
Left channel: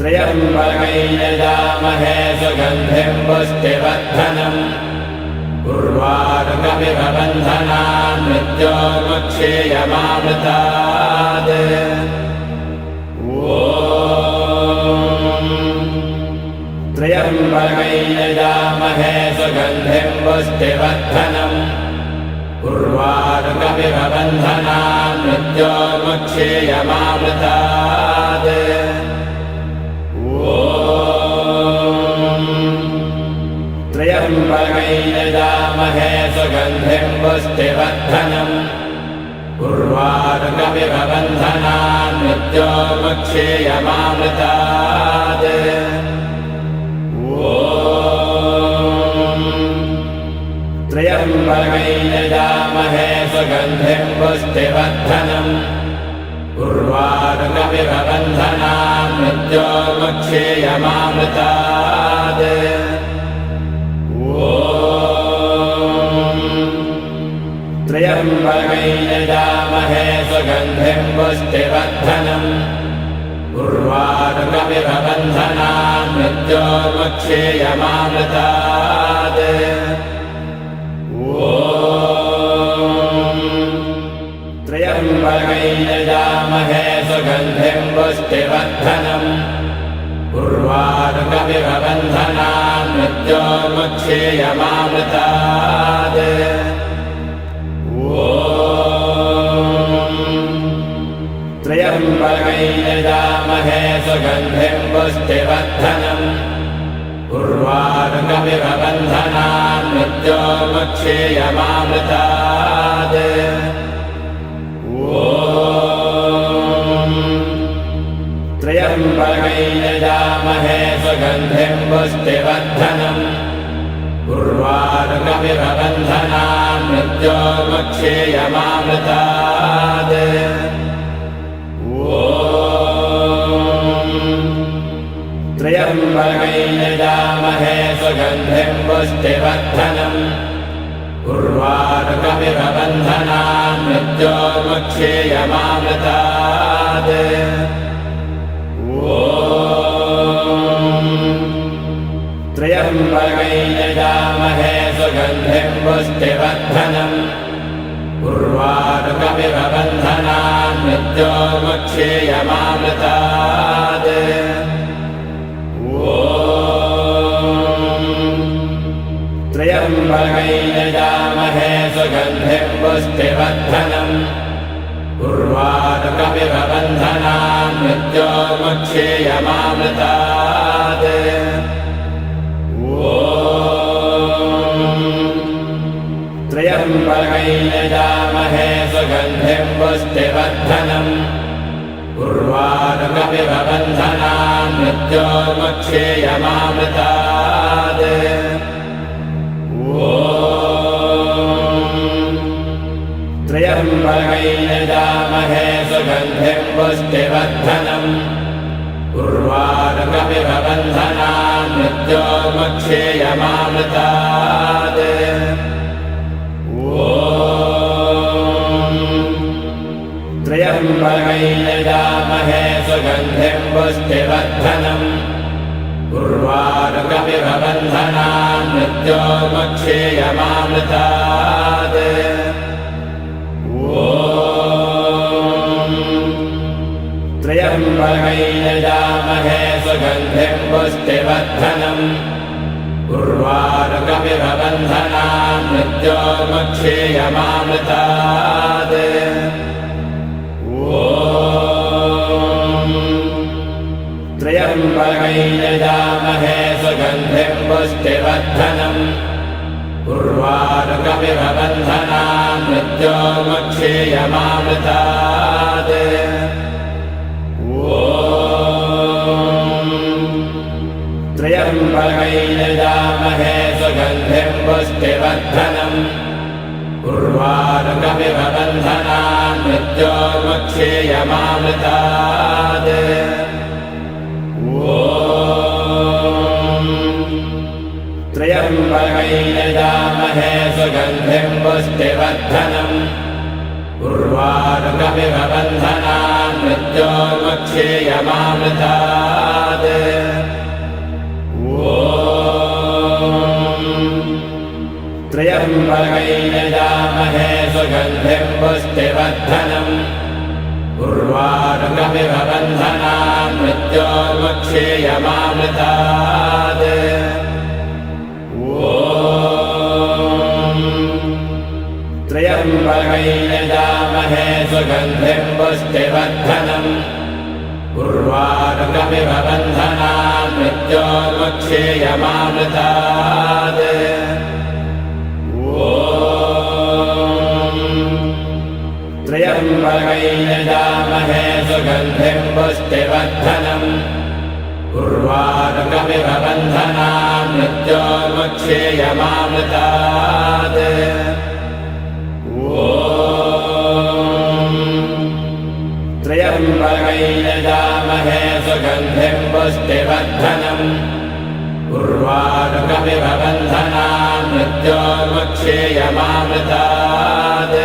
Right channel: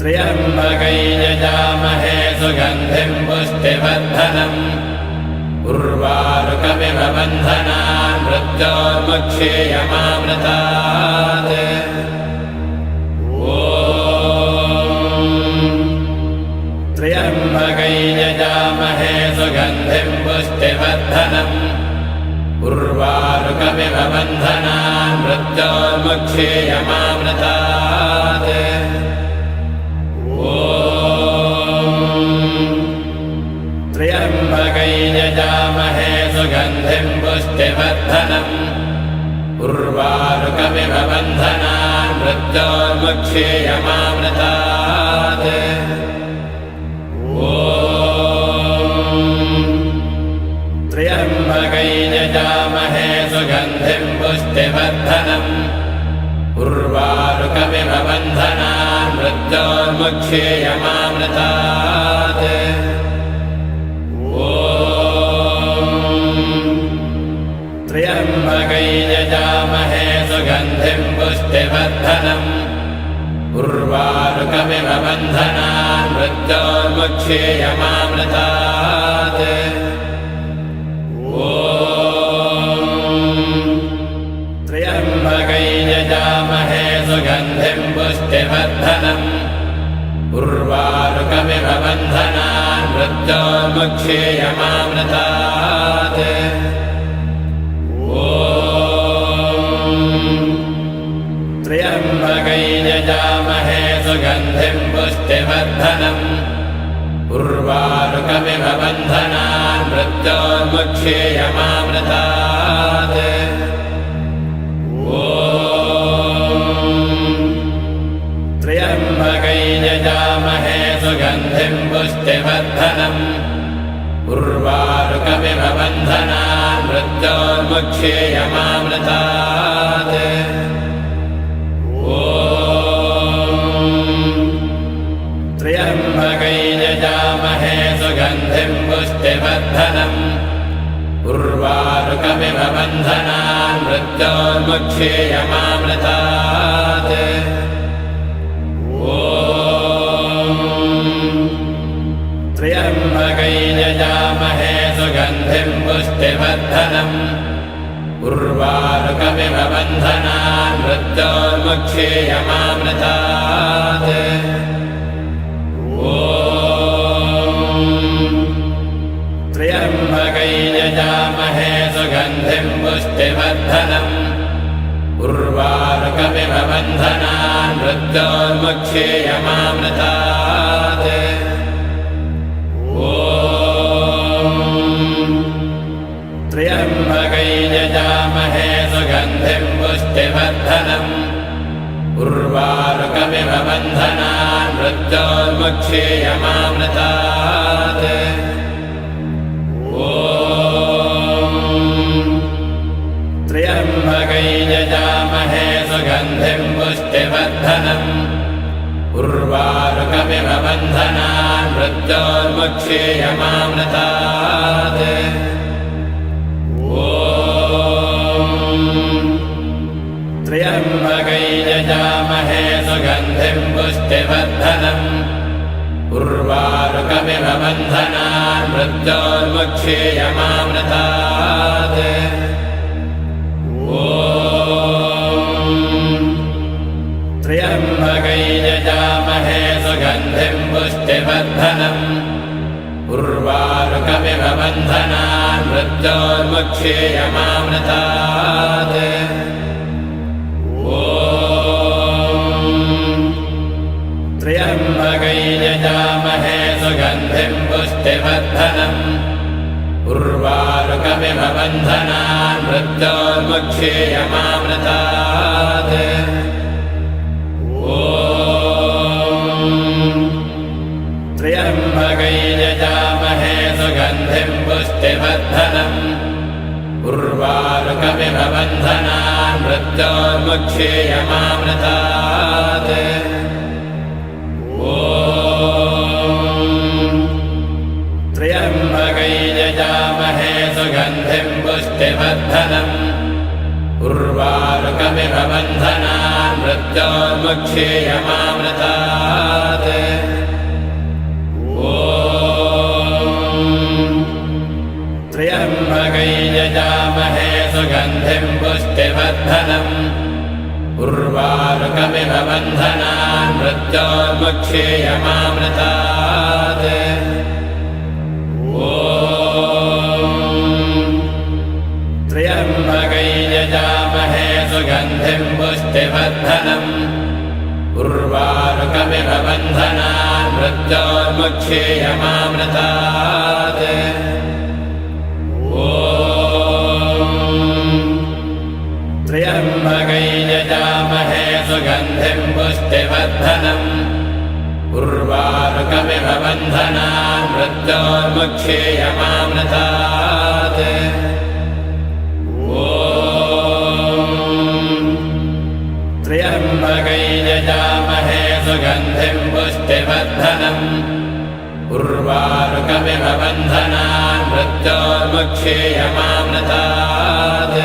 त्र्यम्बकैर्यजामहे सुगन्धिं पुष्टिवर्धनम् उर्वारुकमिव बन्धनान् मृत्योर्मुक्षेयमामृतात् त्र्यम्बकैर्यजामहे सुगन्धिं पुष्टिवर्धनम् उर्वारुकमिव बन्धनान् मृत्योर्मुक्षेयमामृतात् त्र्यम्बकैर्यजामहे सुगन्धिं पुष्टिवर्धनम् उर्वारुकमिव बन्धनान् मृत्योर्मुक्षेयमामृतात् त्र्यम्बकैर्यजामहे सुगन्धिं पुष्टिवर्धनम् उर्वारुकमिव बन्धनान् मृत्योर्मुक्षेयमामृतात् त्र्यम्बकैर्यजामहे त्र्यम्बकैर्यजामहे सुगन्धिं पुष्टिवर्धनम् उर्वारुकमिव बन्धनान् मृत्योर्मुक्षेयमामृतात् त्र्यम्बकैर्यजामहे सुगन्धिं पुष्टिवर्धनम् उर्वारुकमिव बन्धनान् मृत्योर्मुक्षेयमामृतात् त्र्यम्बकैर्यजामहे सुगन्धिं पुष्टिवर्धनम् उर्वारुकमिव बन्धनान् मृत्योर्मुक्षेयमामृतात् त्र्यम्बकैर्यजामहे सुगन्धिं पुष्टिवर्धनम् उर्वारुकमिव बन्धनान् मृत्योर्मुक्षेयमामृतात् त्र्यम्बकैर्यजामहे सुगन्धिं पुष्टिवर्धनम् उर्वारुकमिव बन्धनान् मृत्योर्मुक्षेयमामृतात् त्र्यम्बकैर्यजामहे सुगन्धिं पुष्टिवर्धनम् उर्वारुकमिव बन्धनान् मृत्योर्मुक्षेयमामृतात् त्र्यम्बकैर्यजामहे सुगन्धिं पुष्टिवर्धनम् उर्वारुकमिव बन्धनान् मृत्योर्मुक्षेयमामृतात् त्र्यम्बकैर्यजामहे सुगन्धिं पुष्टिवर्धनम् उर्वारुकमिव बन्धनान् मृत्योर्मुक्षेयमामृतात् त्र्यम्बकैर्यजामहे सुगन्धिं पुष्टिवर्धनम् उर्वारुकमिव बन्धनान् मृत्योर्मुक्षेयमामृतात् त्र्यम्बकैर्यजामहे सुगन्धिं पुष्टिवर्धनम् उर्वारुकमिव बन्धनान् मृत्योर्मुक्षेयमामृतात् त्र्यम्बकैर्यजामहे सुगन्धिं पुष्टिवर्धनम् उर्वारुकमिव बन्धनान् मृत्योर्मुक्षेयमामृतात् त्र्यम्बकैर्यजामहे सुगन्धिं पुष्टिवर्धनम् उर्वारुकमिव बन्धनान् मृत्योर्मुक्षेयमामृतात् त्र्यम्बकैर्यजामहे सुगन्धिं पुष्टिवर्धनम् उर्वारुकमिव बन्धनान् मृत्योर्मुक्षेयमामृतात् त्र्यम्बकैर्यजामहे सुगन्धिं पुष्टिवर्धनम् उर्वारुकमिव बन्धनान् मृत्योर्मुक्षेयमामृतात् त्र्यम्बकैर्यजामहे सुगन्धिं पुष्टिवर्धनम् उर्वारुकमिव बन्धनान् मृत्योर्मुक्षेयमामृतात् त्र्यम्बकैर्यजामहे सुगन्धिं पुष्टिवर्धनम् उर्वारुकमिव बन्धनान् मृत्योर्मुक्षेयमामृतात् त्र्यम्बकैर्यजामहे सुगन्धिं पुष्टिवर्धनम् उर्वारुकमिव बन्धनान् मृत्योर्मुक्षेयमामृतात् त्र्यम्बकैर्यजामहे सुगन्धिं पुष्टिवर्धनम् उर्वारुकमिव बन्धनान् मृत्योर्मुक्षेयमामृतात्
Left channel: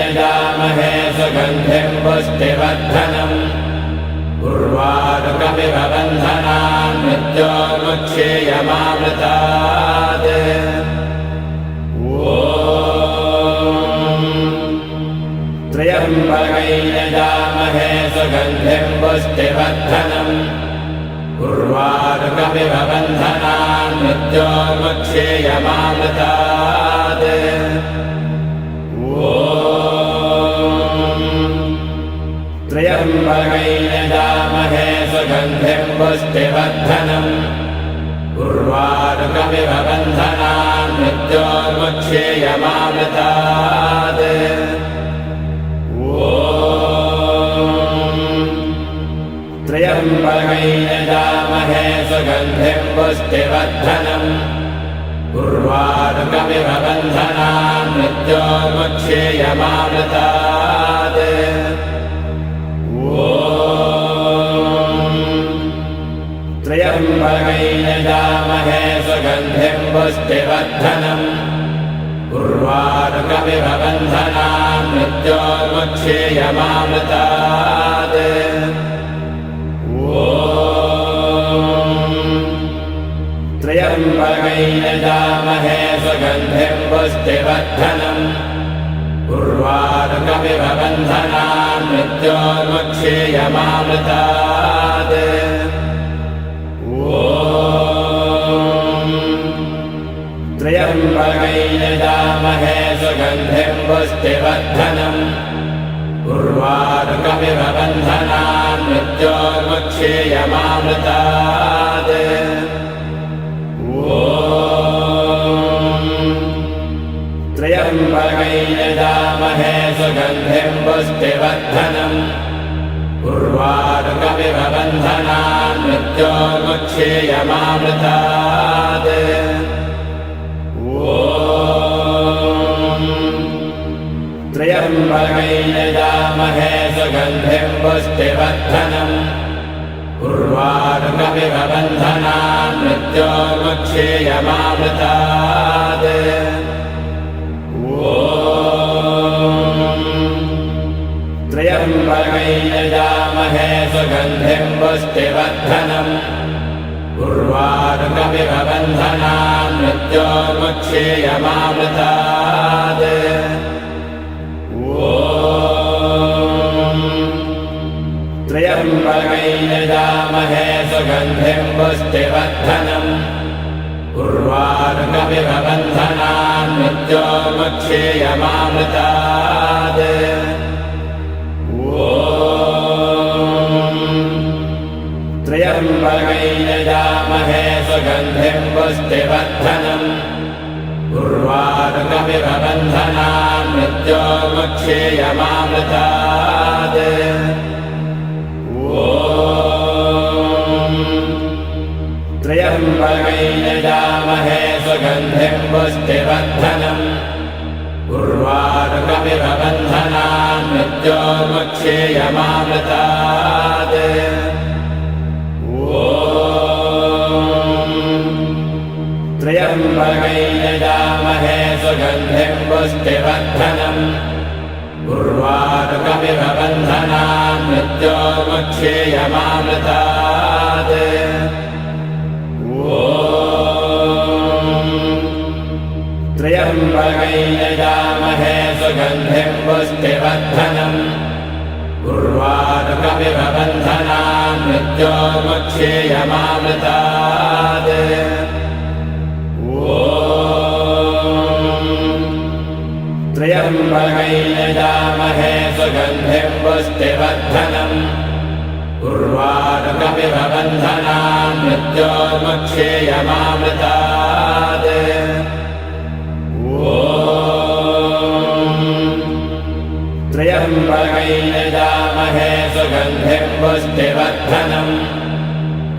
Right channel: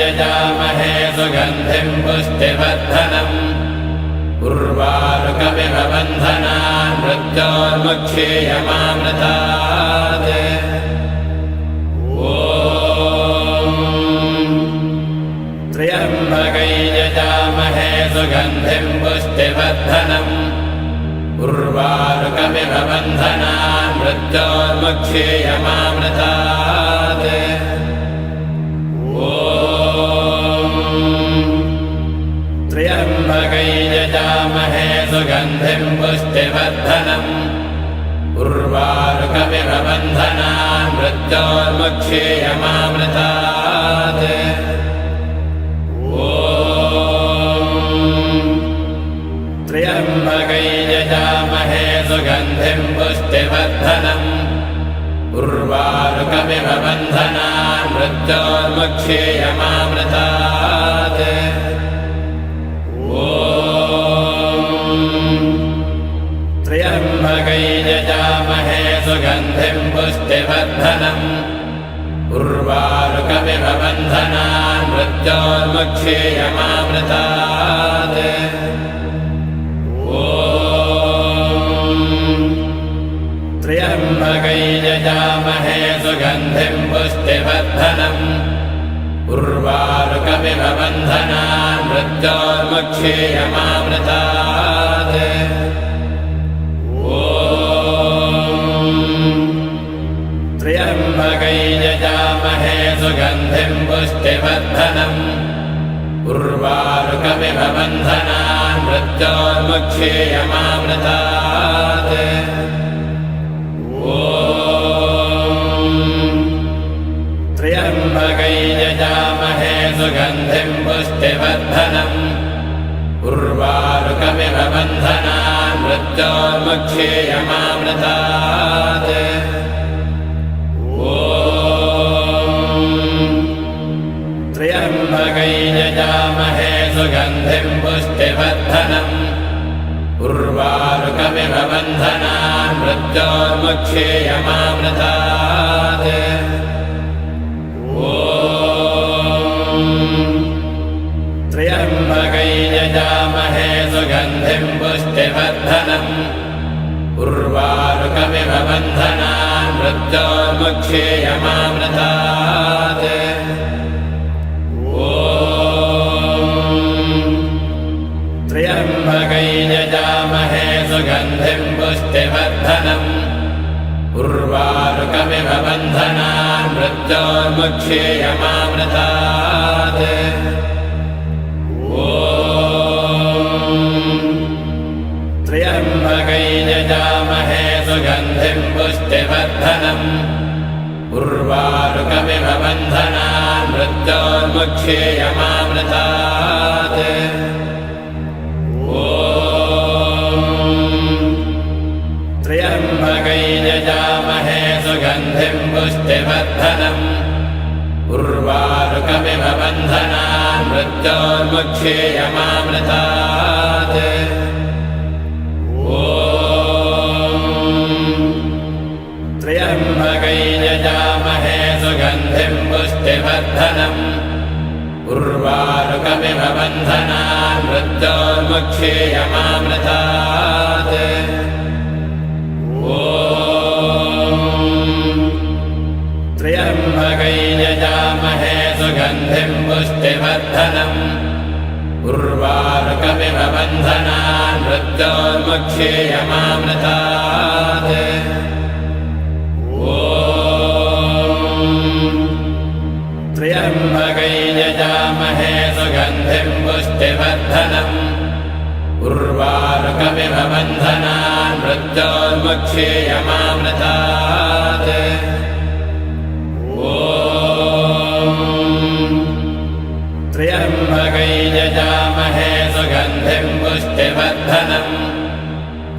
यजामहे सुगन्धिम् पुष्टिवर्धनम् उर्वारुकमिव बन्धनान् मृत्योर्मुक्षेयमामृतात् त्र्यम्बकै यजामहे सुगन्धिम् पुष्टिवर्धनम् उर्वारुकमिव बन्धनान् मृत्योर्मुक्षेयमामृतात् त्र्यम्बकै यजामहे सुगन्धिम् पुष्टिवर्धनम् उर्वारुकमिव बन्धनान् मृत्योर्मुक्षेयमामृतात् त्र्यम्बकै यजामहे सुगन्धिम् पुष्टिवर्धनम् उर्वारुकमिव बन्धनान् मृत्योर्मुक्षेयमामृतात् त्र्यम्बकै यजामहे सुगन्धिम् पुष्टिवर्धनम् उर्वारुकमिव बन्धनान् मृत्योर्मुक्षेयमामृतात् त्र्यम्बकै यजामहे सुगन्धिम् पुष्टिवर्धनम् उर्वारुकमिव बन्धनान् मृत्योर्मुक्षेयमामृतात् त्र्यम्बकै यजामहे सुगन्धिम् पुष्टिवर्धनम् उर्वारुकमिव बन्धनान् मृत्योर्मुक्षेयमामृतात् त्र्यम्बकै यजामहे सुगन्धिम् पुष्टिवर्धनम् उर्वारुकमिव बन्धनान् मृत्योर्मुक्षेयमामृतात् त्र्यम्बकै यजामहे सुगन्धिम् पुष्टिवर्धनम् उर्वारुकमिव बन्धनान् मृत्योर्मुक्षेयमामृतात् त्र्यम्बकै यजामहे सुगन्धिम् पुष्टिवर्धनम् उर्वारुकमिव बन्धनान् मृत्योर्मुक्षेयमामृतात् त्र्यम्बकै यजामहे सुगन्धिम् पुष्टिवर्धनम् उर्वारुकमिव बन्धनान् मृत्योर्मुक्षेयमामृतात् त्र्यम्बकै यजामहे सुगन्धिम् पुष्टिवर्धनम् उर्वारुकमिव बन्धनान् मृत्योर्मुक्षेयमामृतात् त्र्यम्बकै यजामहे सुगन्धिम् पुष्टिवर्धनम् उर्वारुकमिव बन्धनान् मृत्योर्मुक्षेयमामृतात् त्र्यम्बकै यजामहे सुगन्धिम् पुष्टिवर्धनम् उर्वारुकमिव बन्धनान् मृत्योर्मुक्षेयमामृतात् त्र्यम्बकै यजामहे सुगन्धिम् पुष्टिवर्धनम् उर्वारुकमिव बन्धनान् मृत्योर्मुक्षेयमामृतात् त्र्यम्बकै यजामहे सुगन्धिम् पुष्टिवर्धनम् उर्वारुकमिव बन्धनान् मृत्योर्मुक्षेयमामृतात् त्र्यम्बकै यजामहे सुगन्धिम् पुष्टिवर्धनम्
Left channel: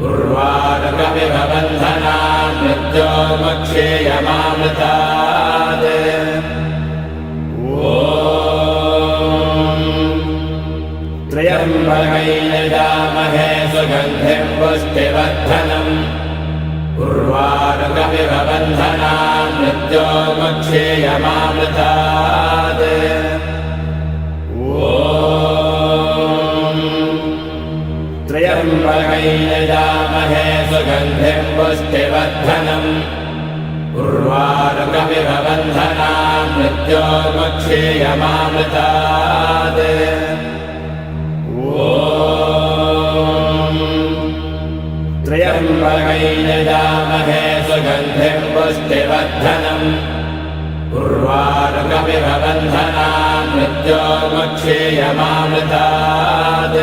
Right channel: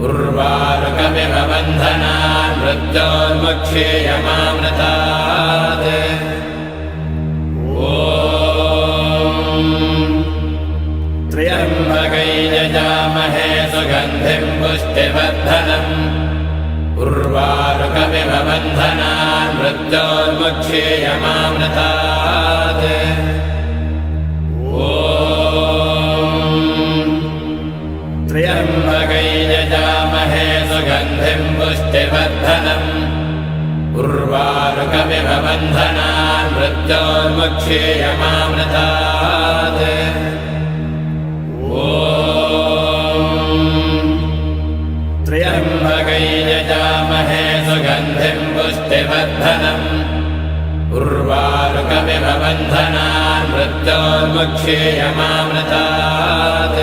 उर्वारुकमिव बन्धनान् मृत्योर्मुक्षेयमामृतात् त्र्यम्बकै यजामहे सुगन्धिम् पुष्टिवर्धनम् उर्वारुकमिव बन्धनान् मृत्योर्मुक्षेयमामृतात् मृत्योर्मुक्षेयमामृतात् त्र्यम्बकै यजामहे सुगन्धिं पुष्टिवर्धनम् उर्वारुकमिव बन्धनान् मृत्योर्मुक्षेयमामृतात्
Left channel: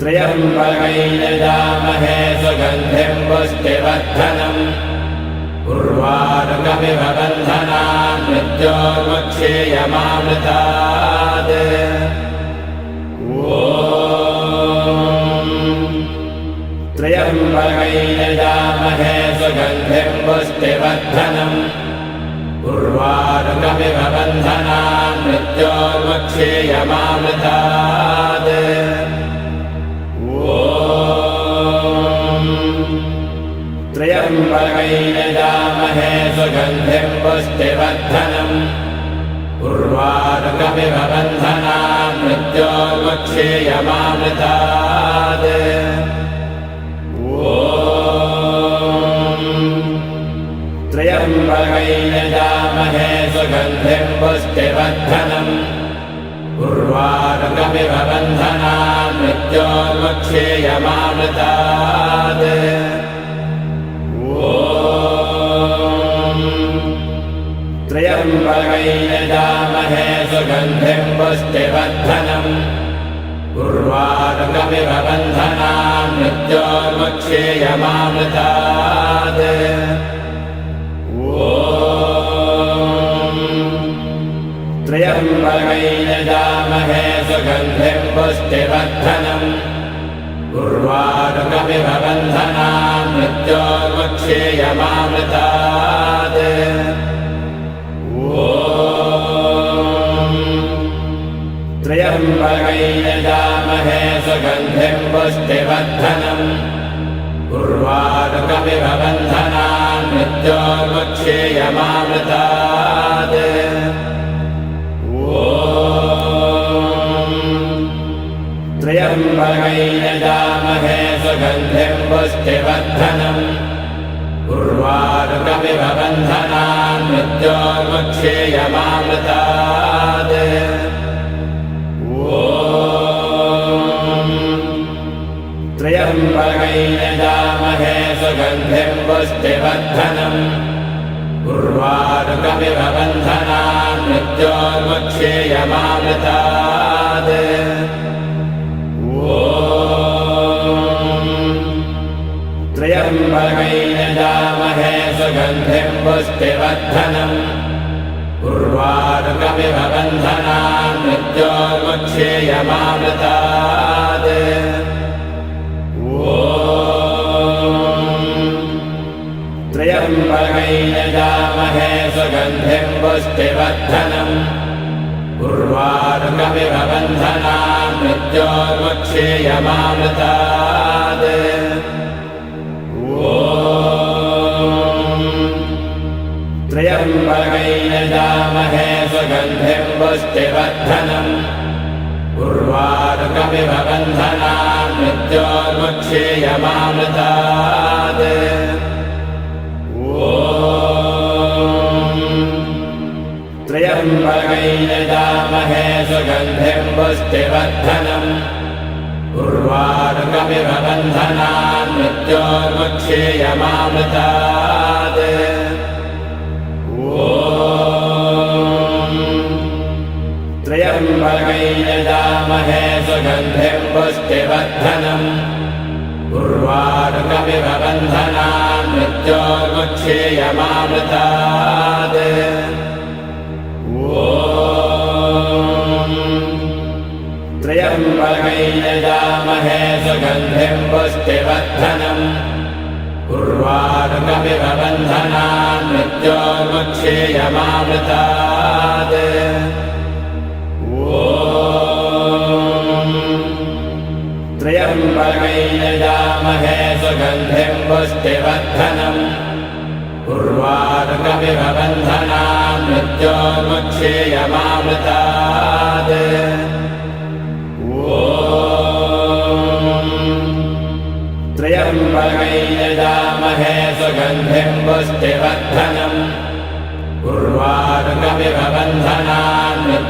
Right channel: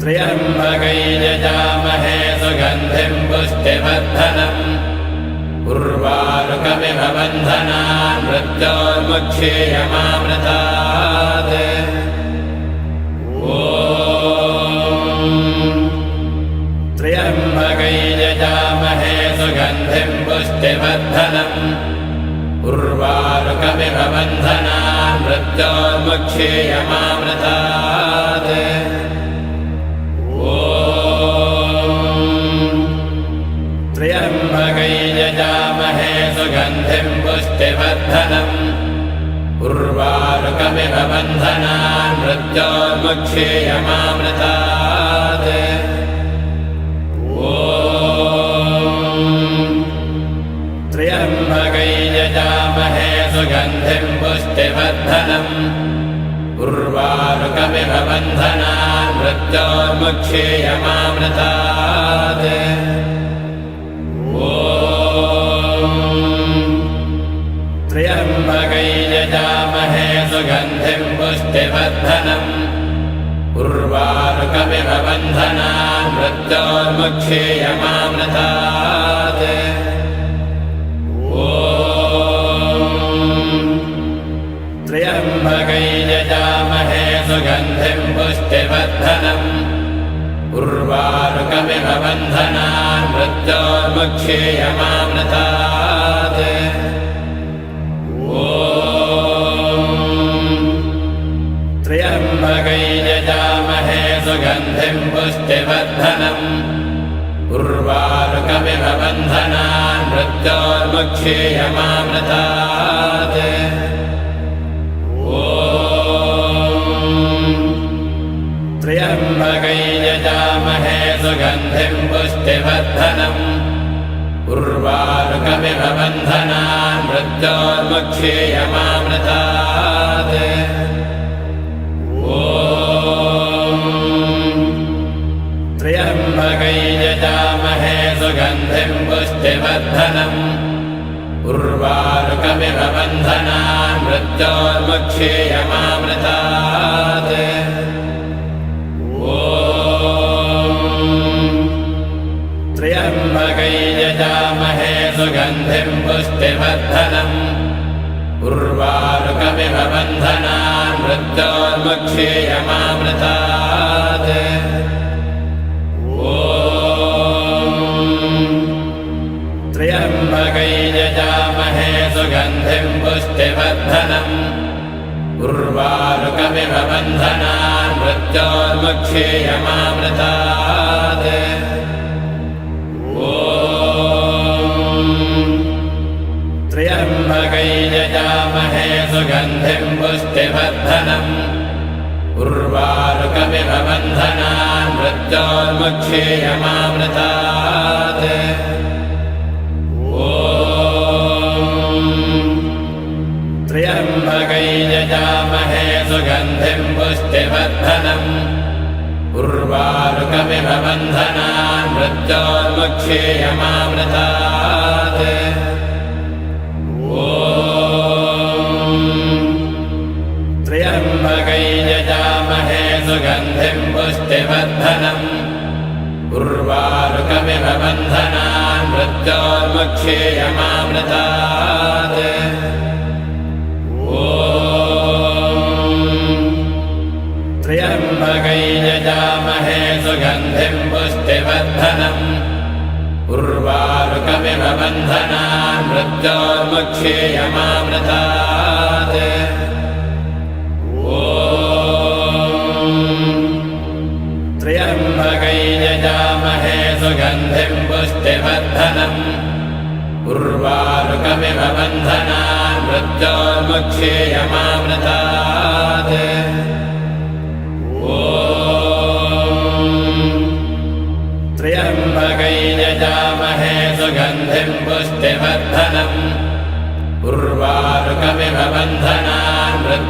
त्र्यम्बकै यजामहे सुगन्धिं पुष्टिवर्धनम् उर्वारुकमिव बन्धनान् मृत्योर्मुक्षेयमामृतात् त्र्यम्बकै यजामहे सुगन्धिं पुष्टिवर्धनम् उर्वारुकमिव बन्धनान् मृत्योर्मुक्षेयमामृतात् त्र्यम्बकै यजामहे सुगन्धिं पुष्टिवर्धनम् उर्वारुकमिव बन्धनान् मृत्योर्मुक्षेयमामृतात् त्र्यम्बकै यजामहे सुगन्धिं पुष्टिवर्धनम् उर्वारुकमिव बन्धनान् मृत्योर्मुक्षेयमामृतात् त्र्यम्बकै यजामहे सुगन्धिं पुष्टिवर्धनम् उर्वारुकमिव बन्धनान् मृत्योर्मुक्षेयमामृतात् त्र्यम्बकै यजामहे सुगन्धिं पुष्टिवर्धनम् उर्वारुकमिव बन्धनान् मृत्योर्मुक्षेयमामृतात् त्र्यम्बकै यजामहे सुगन्धिं पुष्टिवर्धनम् उर्वारुकमिव बन्धनान् मृत्योर्मुक्षेयमामृतात् त्र्यम्बकै यजामहे सुगन्धिं पुष्टिवर्धनम् उर्वारुकमिव बन्धनान् मृत्योर्मुक्षेयमामृतात् त्र्यम्बकै यजामहे सुगन्धिं पुष्टिवर्धनम् उर्वारुकमिव बन्धनान् मृत्योर्मुक्षेयमामृतात् त्र्यम्बकै यजामहे सुगन्धिं पुष्टिवर्धनम् उर्वारुकमिव बन्धनान् मृत्योर्मुक्षेयमामृतात् त्र्यम्बकै यजामहे सुगन्धिं पुष्टिवर्धनम् उर्वारुकमिव बन्धनान् मृत्योर्मुक्षेयमामृतात् त्र्यम्बकै यजामहे सुगन्धिं पुष्टिवर्धनम् उर्वारुकमिव बन्धनान् मृत्योर्मुक्षेयमामृतात् त्र्यम्बकै यजामहे सुगन्धिं पुष्टिवर्धनम् उर्वारुकमिव बन्धनान् मृत्योर्मुक्षेयमामृतात् त्र्यम्बकै यजामहे सुगन्धिं पुष्टिवर्धनम् उर्वारुकमिव बन्धनान् मृत्योर्मुक्षेयमामृतात् त्र्यम्बकै यजामहे सुगन्धिं पुष्टिवर्धनम् उर्वारुकमिव बन्धनान् मृत्योर्मुक्षेयमामृतात् त्र्यम्बकै यजामहे सुगन्धिं पुष्टिवर्धनम् उर्वारुकमिव बन्धनान् मृत्योर्मुक्षेयमामृतात् त्र्यम्बकै यजामहे सुगन्धिं पुष्टिवर्धनम्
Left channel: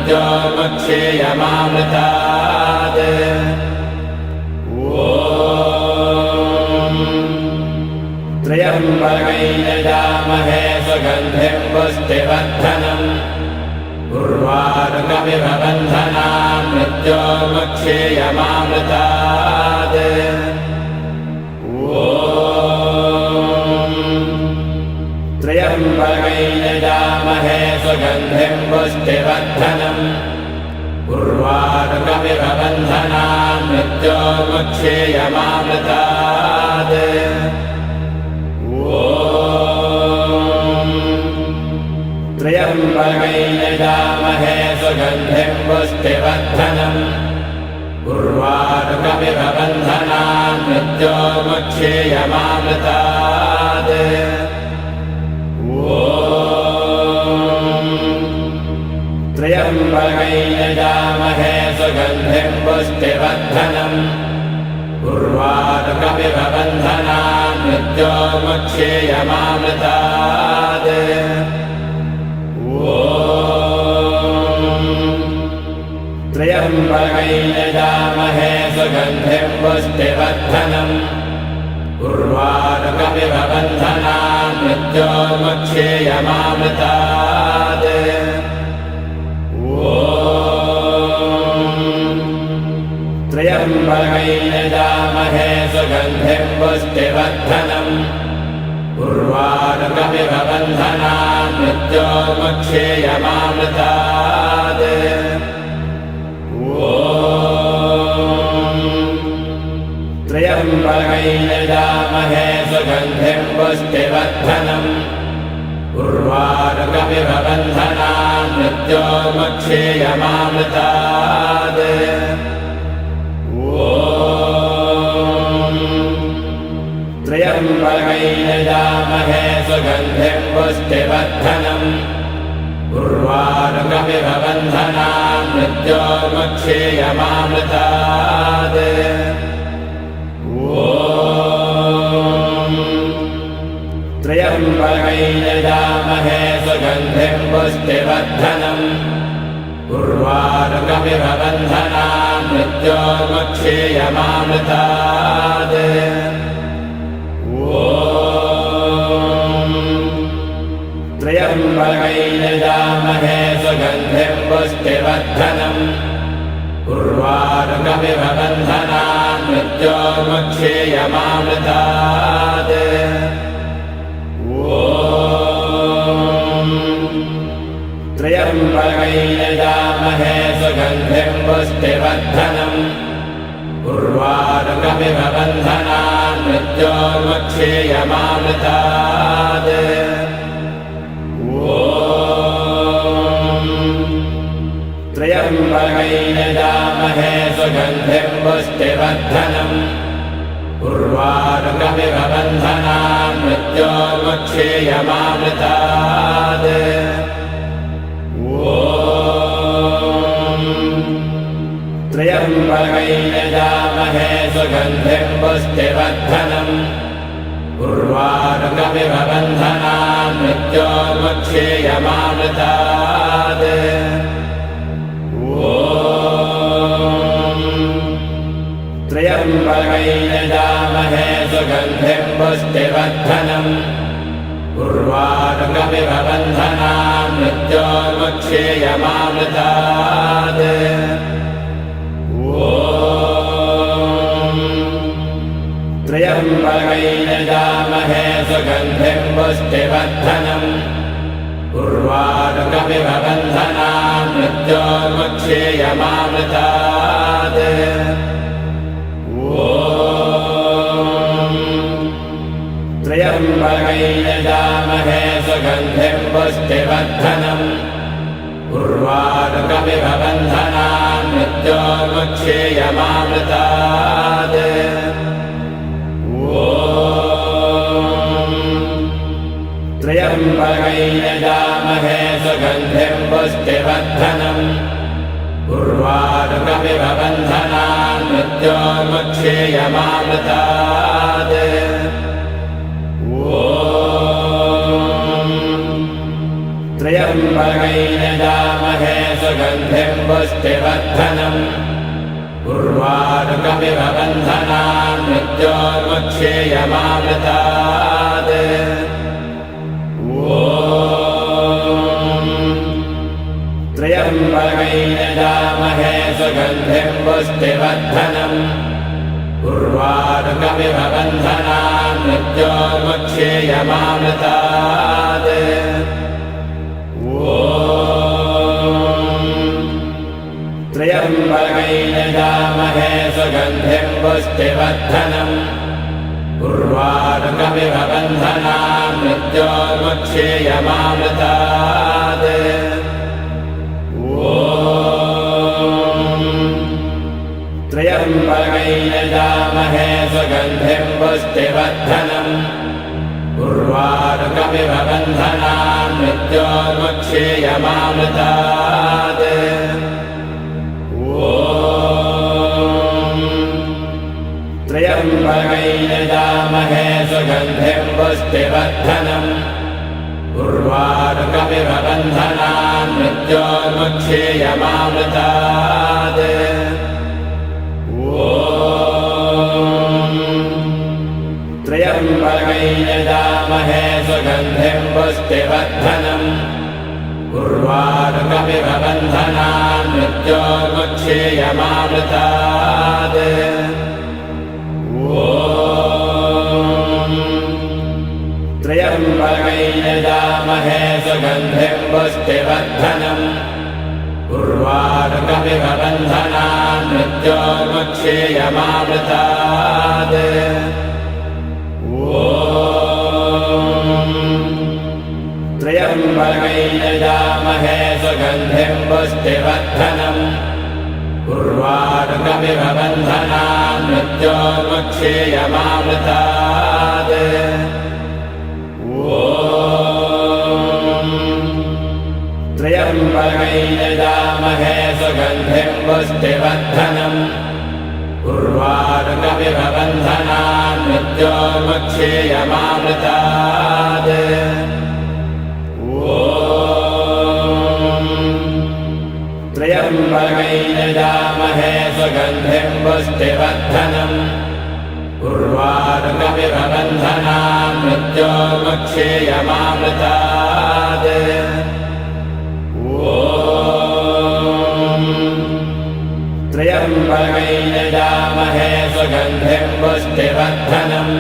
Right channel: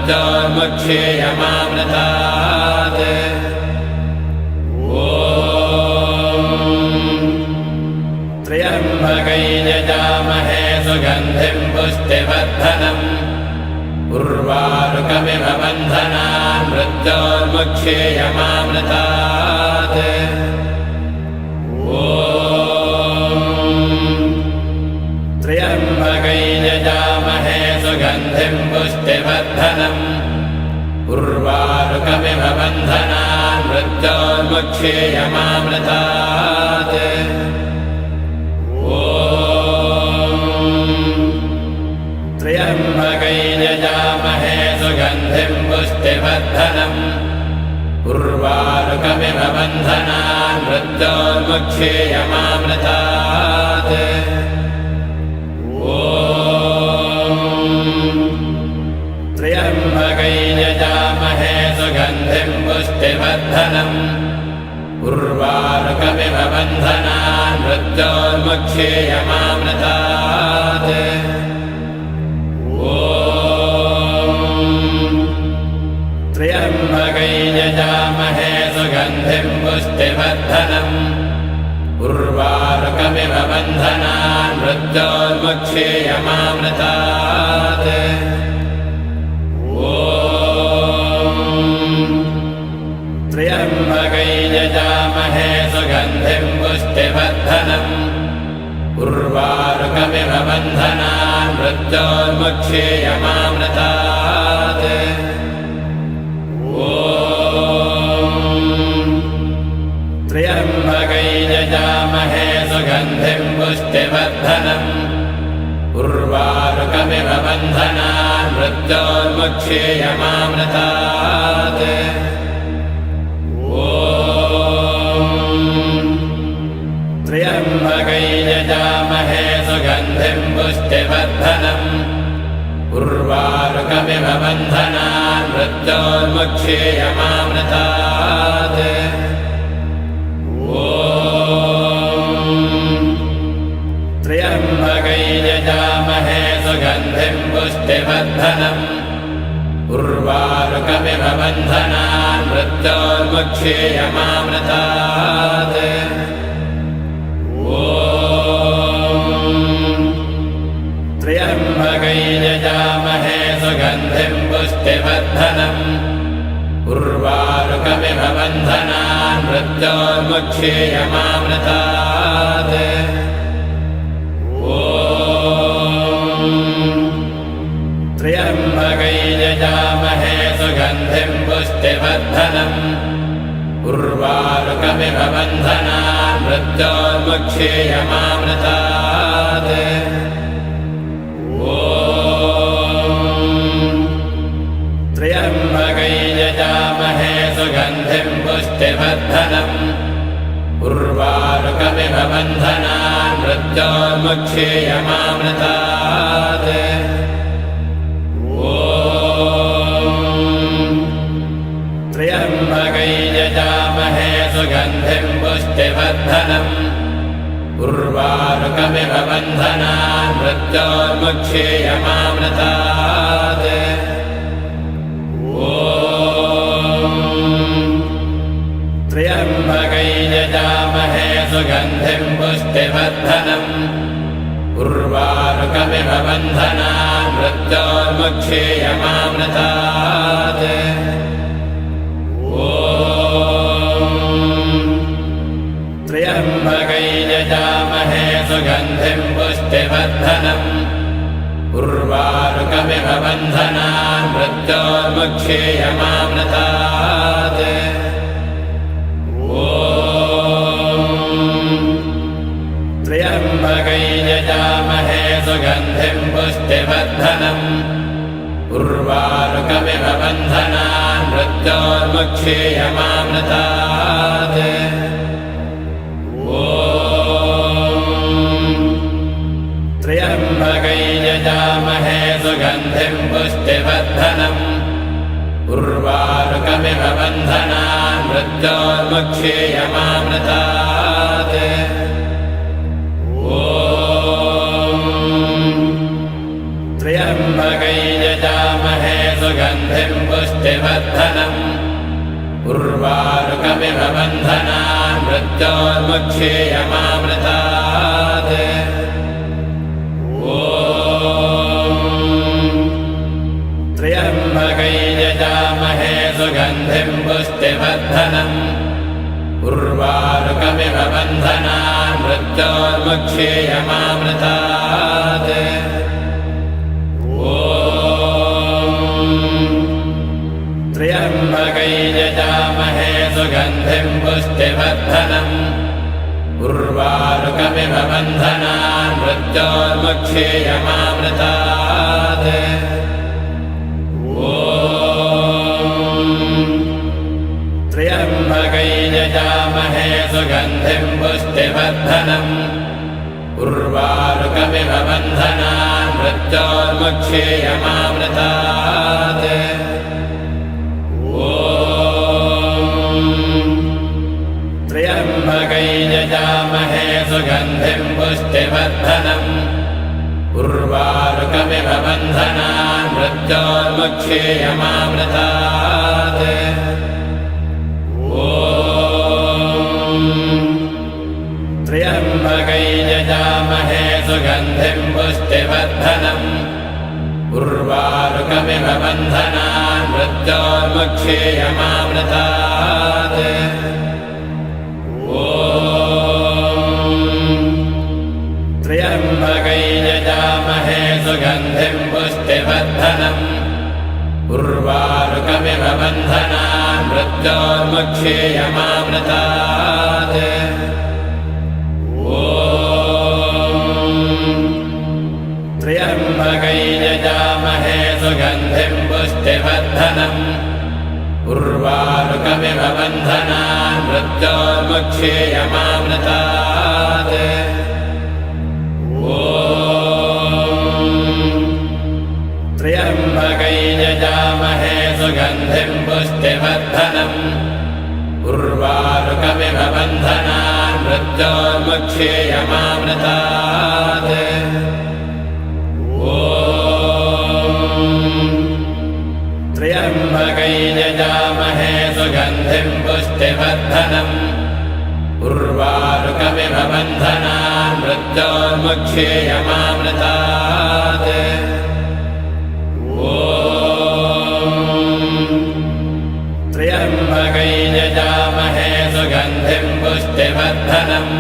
मृत्योन्मुक्षीयमामृतात् त्र्यम्बकै यजामहे सुगन्धिं पुष्टिवर्धनम् उर्वारुकमिव बन्धनान् मृत्योन्मुक्षीयमामृतात् त्र्यम्बकै यजामहे सुगन्धिं पुष्टिवर्धनम् उर्वारुकमिव बन्धनान् मृत्योन्मुक्षीयमामृतात् त्र्यम्बकै यजामहे सुगन्धिं पुष्टिवर्धनम् उर्वारुकमिव बन्धनान् मृत्योन्मुक्षीयमामृतात् त्र्यम्बकै यजामहे सुगन्धिं पुष्टिवर्धनम् उर्वारुकमिव बन्धनान् मृत्योन्मुक्षीयमामृतात् त्र्यम्बकै यजामहे सुगन्धिं पुष्टिवर्धनम् उर्वारुकमिव बन्धनान् मृत्योन्मुक्षीयमामृतात् त्र्यम्बकै यजामहे सुगन्धिं पुष्टिवर्धनम् उर्वारुकमिव बन्धनान् मृत्योन्मुक्षीयमामृतात् त्र्यम्बकै यजामहे सुगन्धिं पुष्टिवर्धनम् उर्वारुकमिव बन्धनान् मृत्योन्मुक्षीयमामृतात् त्र्यम्बकै यजामहे सुगन्धिं पुष्टिवर्धनम् उर्वारुकमिव बन्धनान् मृत्योन्मुक्षीयमामृतात् त्र्यम्बकै यजामहे सुगन्धिं पुष्टिवर्धनम् उर्वारुकमिव बन्धनान् मृत्योन्मुक्षीयमामृतात् त्र्यम्बकै यजामहे सुगन्धिं पुष्टिवर्धनम् उर्वारुकमिव बन्धनान् मृत्योन्मुक्षीयमामृतात् त्र्यम्बकै यजामहे सुगन्धिं पुष्टिवर्धनम् उर्वारुकमिव बन्धनान् मृत्योन्मुक्षीयमामृतात् त्र्यम्बकै यजामहे सुगन्धिं पुष्टिवर्धनम् उर्वारुकमिव बन्धनान् मृत्योन्मुक्षीयमामृतात् त्र्यम्बकै यजामहे सुगन्धिं पुष्टिवर्धनम् उर्वारुकमिव बन्धनान् मृत्योन्मुक्षीयमामृतात् त्र्यम्बकै यजामहे सुगन्धिं पुष्टिवर्धनम् उर्वारुकमिव बन्धनान् मृत्योन्मुक्षीयमामृतात् त्र्यम्बकै यजामहे सुगन्धिं पुष्टिवर्धनम् उर्वारुकमिव बन्धनान् मृत्योन्मुक्षीयमामृतात् त्र्यम्बकै यजामहे सुगन्धिं पुष्टिवर्धनम् उर्वारुकमिव बन्धनान् मृत्योन्मुक्षीयमामृतात् त्र्यम्बकै यजामहे सुगन्धिं पुष्टिवर्धनम् उर्वारुकमिव बन्धनान् मृत्योन्मुक्षीयमामृतात् त्र्यम्बकै यजामहे सुगन्धिं पुष्टिवर्धनम् उर्वारुकमिव बन्धनान् मृत्योर्मुक्षेयमामृतात् त्र्यम्बकै यजामहे सुगन्धिं पुष्टिवर्धनम् उर्वारुकमिव बन्धनान् मृत्योर्मुक्षेयमामृतात् त्र्यम्बकै यजामहे सुगन्धिं पुष्टिवर्धनम् उर्वारुकमिव बन्धनान् मृत्योर्मुक्षेयमामृतात् त्र्यम्बकै यजामहे सुगन्धिं पुष्टिवर्धनम् उर्वारुकमिव बन्धनान् मृत्योर्मुक्षेयमामृतात् त्र्यम्बकै यजामहे सुगन्धिं पुष्टिवर्धनम् उर्वारुकमिव बन्धनान् मृत्योर्मुक्षेयमामृतात् त्र्यम्बकै यजामहे सुगन्धिं पुष्टिवर्धनम् उर्वारुकमिव बन्धनान् मृत्योर्मुक्षेयमामृतात् त्र्यम्बकै यजामहे सुगन्धिं पुष्टिवर्धनम् उर्वारुकमिव बन्धनान् मृत्योर्मुक्षेयमामृतात् त्र्यम्बकै यजामहे सुगन्धिं पुष्टिवर्धनम् उर्वारुकमिव बन्धनान् मृत्योर्मुक्षेयमामृतात् त्र्यम्बकै यजामहे सुगन्धिं पुष्टिवर्धनम् उर्वारुकमिव बन्धनान् मृत्योर्मुक्षेयमामृतात् त्र्यम्बकै यजामहे सुगन्धिं पुष्टिवर्धनम् उर्वारुकमिव बन्धनान् मृत्योर्मुक्षेयमामृतात् त्र्यम्बकै यजामहे सुगन्धिं पुष्टिवर्धनम्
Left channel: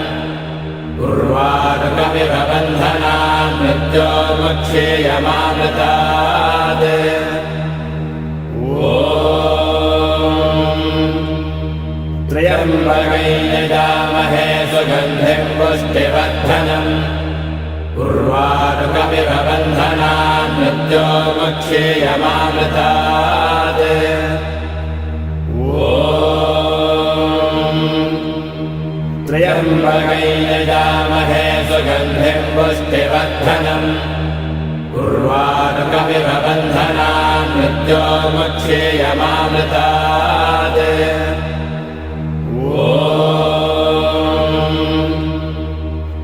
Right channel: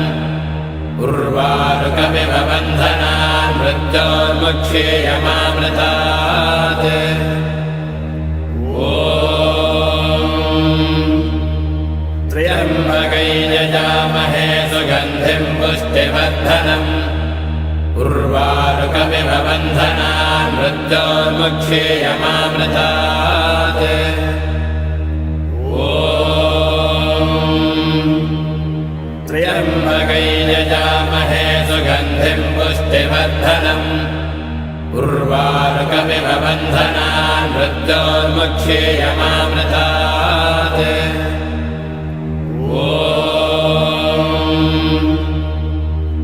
उर्वारुकमिव बन्धनान् मृत्योर्मुक्षेयमामृतात् त्र्यम्बकै यजामहे सुगन्धिं पुष्टिवर्धनम् उर्वारुकमिव बन्धनान् मृत्योर्मुक्षेयमामृतात् त्र्यम्बकै यजामहे सुगन्धिं पुष्टिवर्धनम् उर्वारुकमिव बन्धनान् मृत्योर्मुक्षेयमामृतात्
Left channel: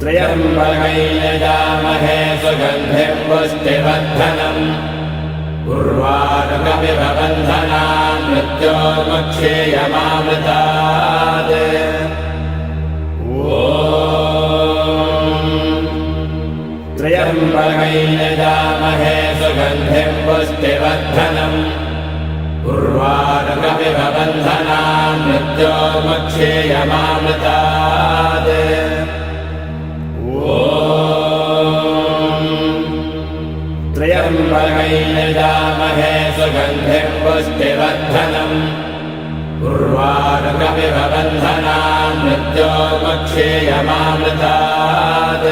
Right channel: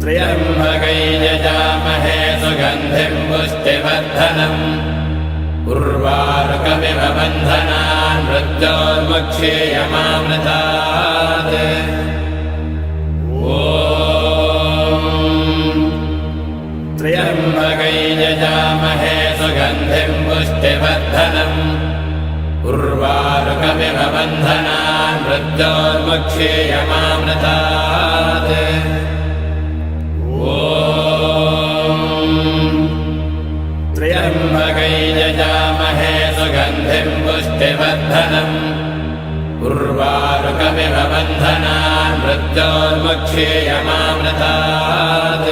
त्र्यम्बकै यजामहे सुगन्धिं पुष्टिवर्धनम् उर्वारुकमिव बन्धनान् मृत्योर्मुक्षेयमामृतात् त्र्यम्बकै यजामहे सुगन्धिं पुष्टिवर्धनम् उर्वारुकमिव बन्धनान् मृत्योर्मुक्षेयमामृतात् त्र्यम्बकै यजामहे सुगन्धिं पुष्टिवर्धनम् उर्वारुकमिव बन्धनान् मृत्योर्मुक्षेयमामृतात्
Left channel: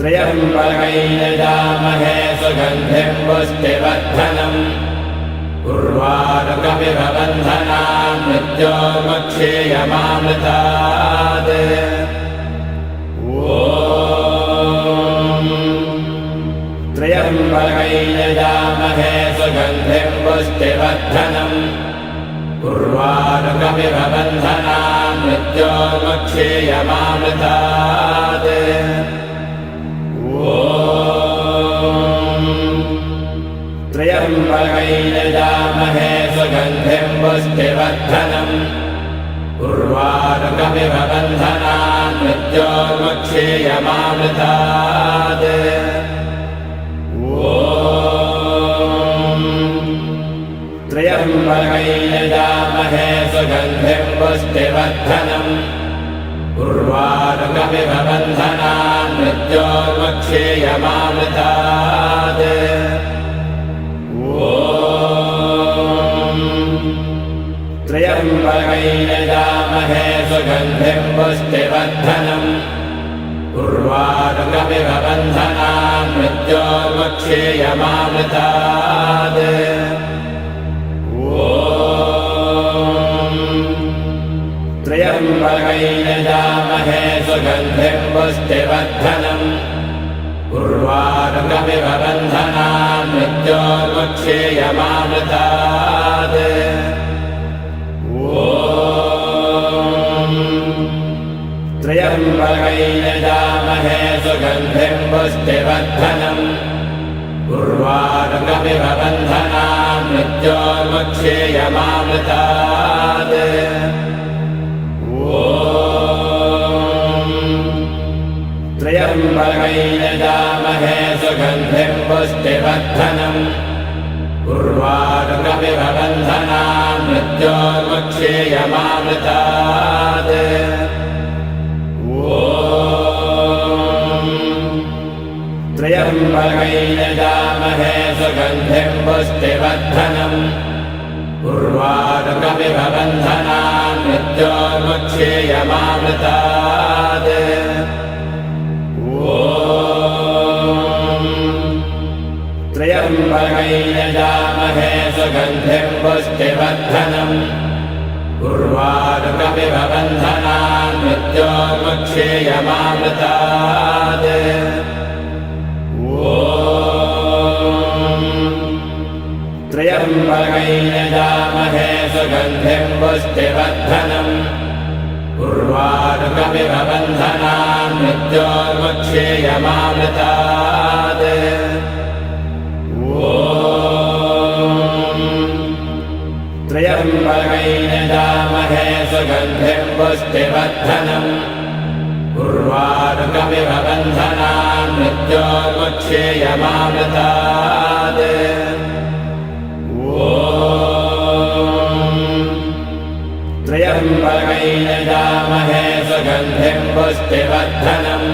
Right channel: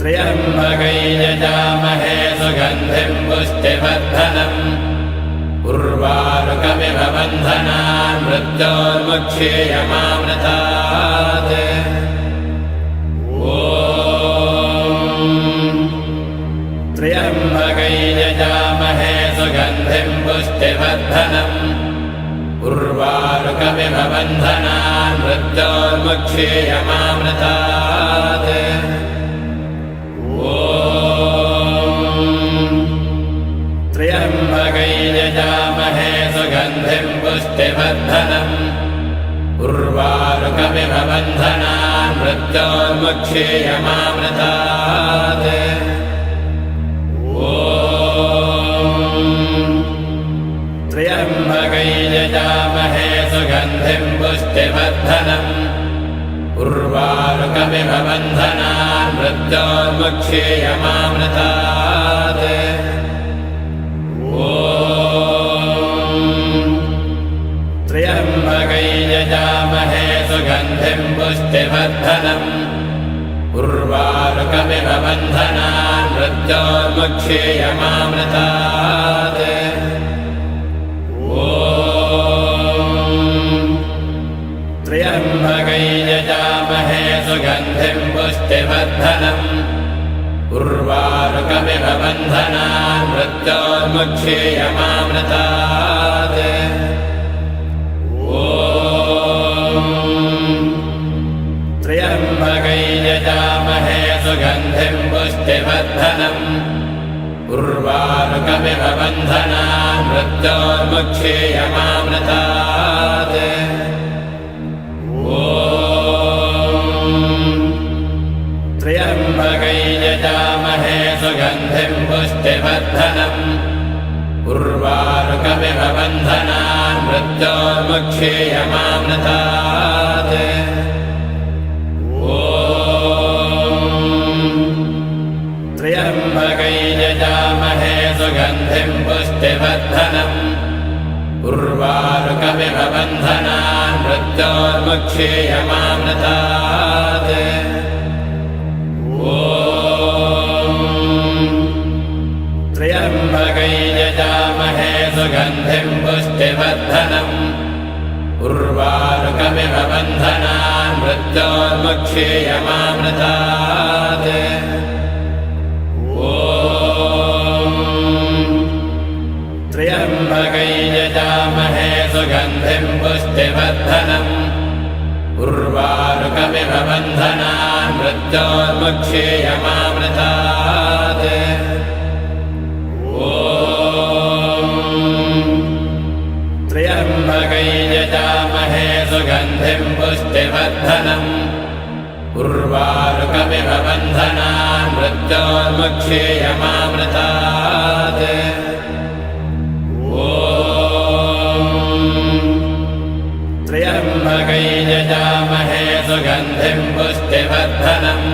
त्र्यम्बकै यजामहे सुगन्धिं पुष्टिवर्धनम् उर्वारुकमिव बन्धनान् मृत्योर्मुक्षेयमामृतात् त्र्यम्बकै यजामहे सुगन्धिं पुष्टिवर्धनम् उर्वारुकमिव बन्धनान् मृत्योर्मुक्षेयमामृतात् पुष्टिवर्धनम् उर्वारुकमिव बन्धनान् मृत्योन्मुक्षेयमामृतात् त्र्यम्बकैर्यजामहे सुगन्धिं पुष्टिवर्धनम् उर्वारुकमिव बन्धनान् मृत्योन्मुक्षेयमामृतात् त्र्यम्बकैर्यजामहे सुगन्धिं पुष्टिवर्धनम् उर्वारुकमिव बन्धनान् मृत्योन्मुक्षेयमामृतात् त्र्यम्बकैर्यजामहे सुगन्धिं पुष्टिवर्धनम् उर्वारुकमिव बन्धनान् मृत्योन्मुक्षेयमामृतात् त्र्यम्बकैर्यजामहे सुगन्धिं पुष्टिवर्धनम् उर्वारुकमिव बन्धनान् मृत्योन्मुक्षेयमामृतात् त्र्यम्बकैर्यजामहे सुगन्धिं पुष्टिवर्धनम् उर्वारुकमिव बन्धनान् मृत्योन्मुक्षेयमामृतात् त्र्यम्बकैर्यजामहे सुगन्धिं पुष्टिवर्धनम् उर्वारुकमिव बन्धनान् मृत्योन्मुक्षेयमामृतात् त्र्यम्बकैर्यजामहे सुगन्धिं पुष्टिवर्धनम् उर्वारुकमिव बन्धनान् मृत्योन्मुक्षेयमामृतात् त्र्यम्बकैर्यजामहे सुगन्धिं पुष्टिवर्धनम् उर्वारुकमिव बन्धनान् मृत्योन्मुक्षेयमामृतात् त्र्यम्बकैर्यजामहे सुगन्धिं पुष्टिवर्धनम् उर्वारुकमिव बन्धनान् मृत्योन्मुक्षेयमामृतात् त्र्यम्बकैर्यजामहे सुगन्धिं पुष्टिवर्धनम्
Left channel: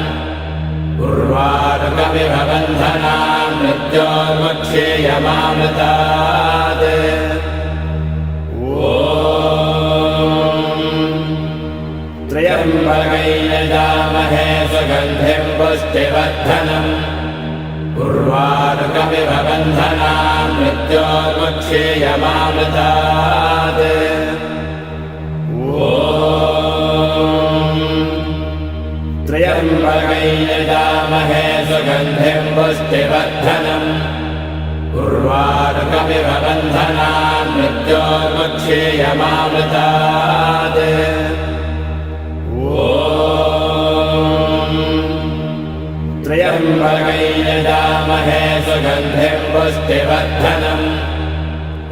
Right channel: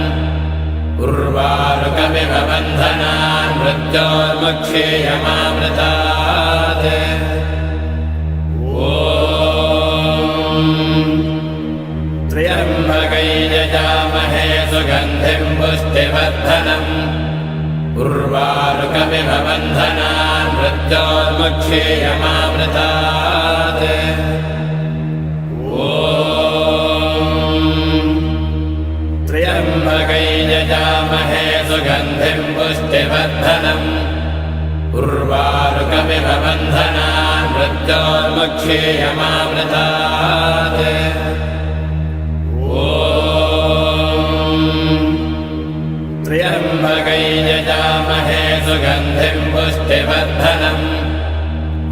उर्वारुकमिव बन्धनान् मृत्योन्मुक्षेयमामृतात् त्र्यम्बकैर्यजामहे सुगन्धिं पुष्टिवर्धनम् उर्वारुकमिव बन्धनान् मृत्योन्मुक्षेयमामृतात् त्र्यम्बकैर्यजामहे सुगन्धिं पुष्टिवर्धनम् उर्वारुकमिव बन्धनान् मृत्योन्मुक्षेयमामृतात् त्र्यम्बकैर्यजामहे सुगन्धिं पुष्टिवर्धनम्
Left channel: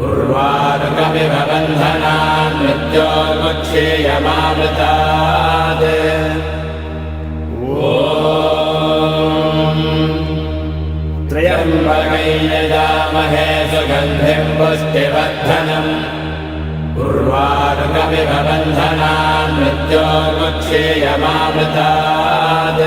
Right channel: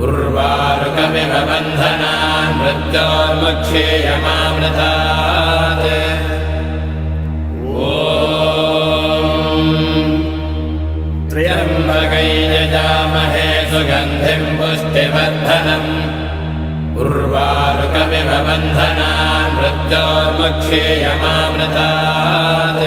उर्वारुकमिव बन्धनान् मृत्योन्मुक्षेयमामृतात् त्र्यम्बकैर्यजामहे सुगन्धिं पुष्टिवर्धनम् उर्वारुकमिव बन्धनान् मृत्योन्मुक्षेयमामृतात्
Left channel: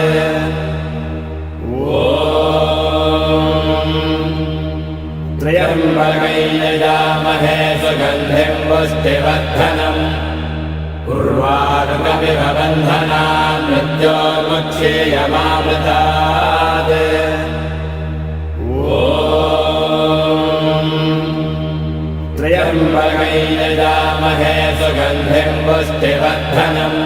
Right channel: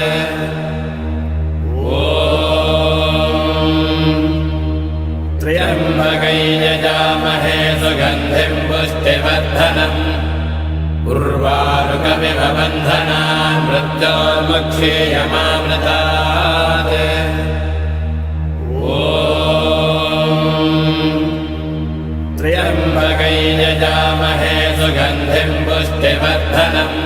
त्र्यम्बकैर्यजामहे सुगन्धिं पुष्टिवर्धनम् उर्वारुकमिव बन्धनान् मृत्योन्मुक्षेयमामृतात् त्र्यम्बकैर्यजामहे सुगन्धिं पुष्टिवर्धनम्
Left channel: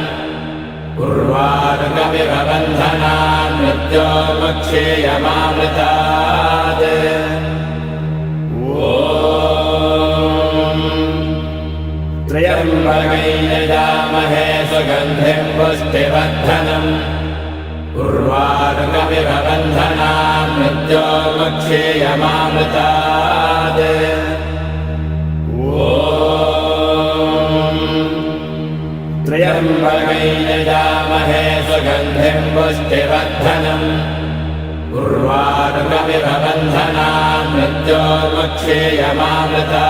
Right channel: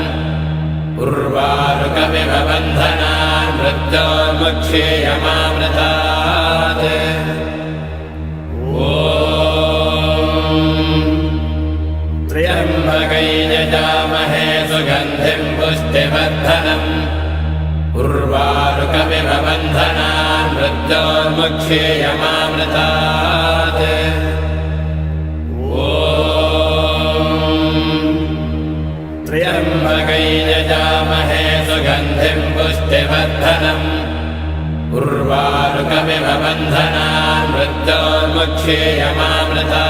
उर्वारुकमिव बन्धनान् मृत्योन्मुक्षेयमामृतात् त्र्यम्बकैर्यजामहे सुगन्धिं पुष्टिवर्धनम् उर्वारुकमिव बन्धनान् मृत्योन्मुक्षेयमामृतात् सुगन्धिम् पुष्टिवर्धनम् उर्वारुकमिव बन्धनान् मृत्योर्मुक्षेयमामृता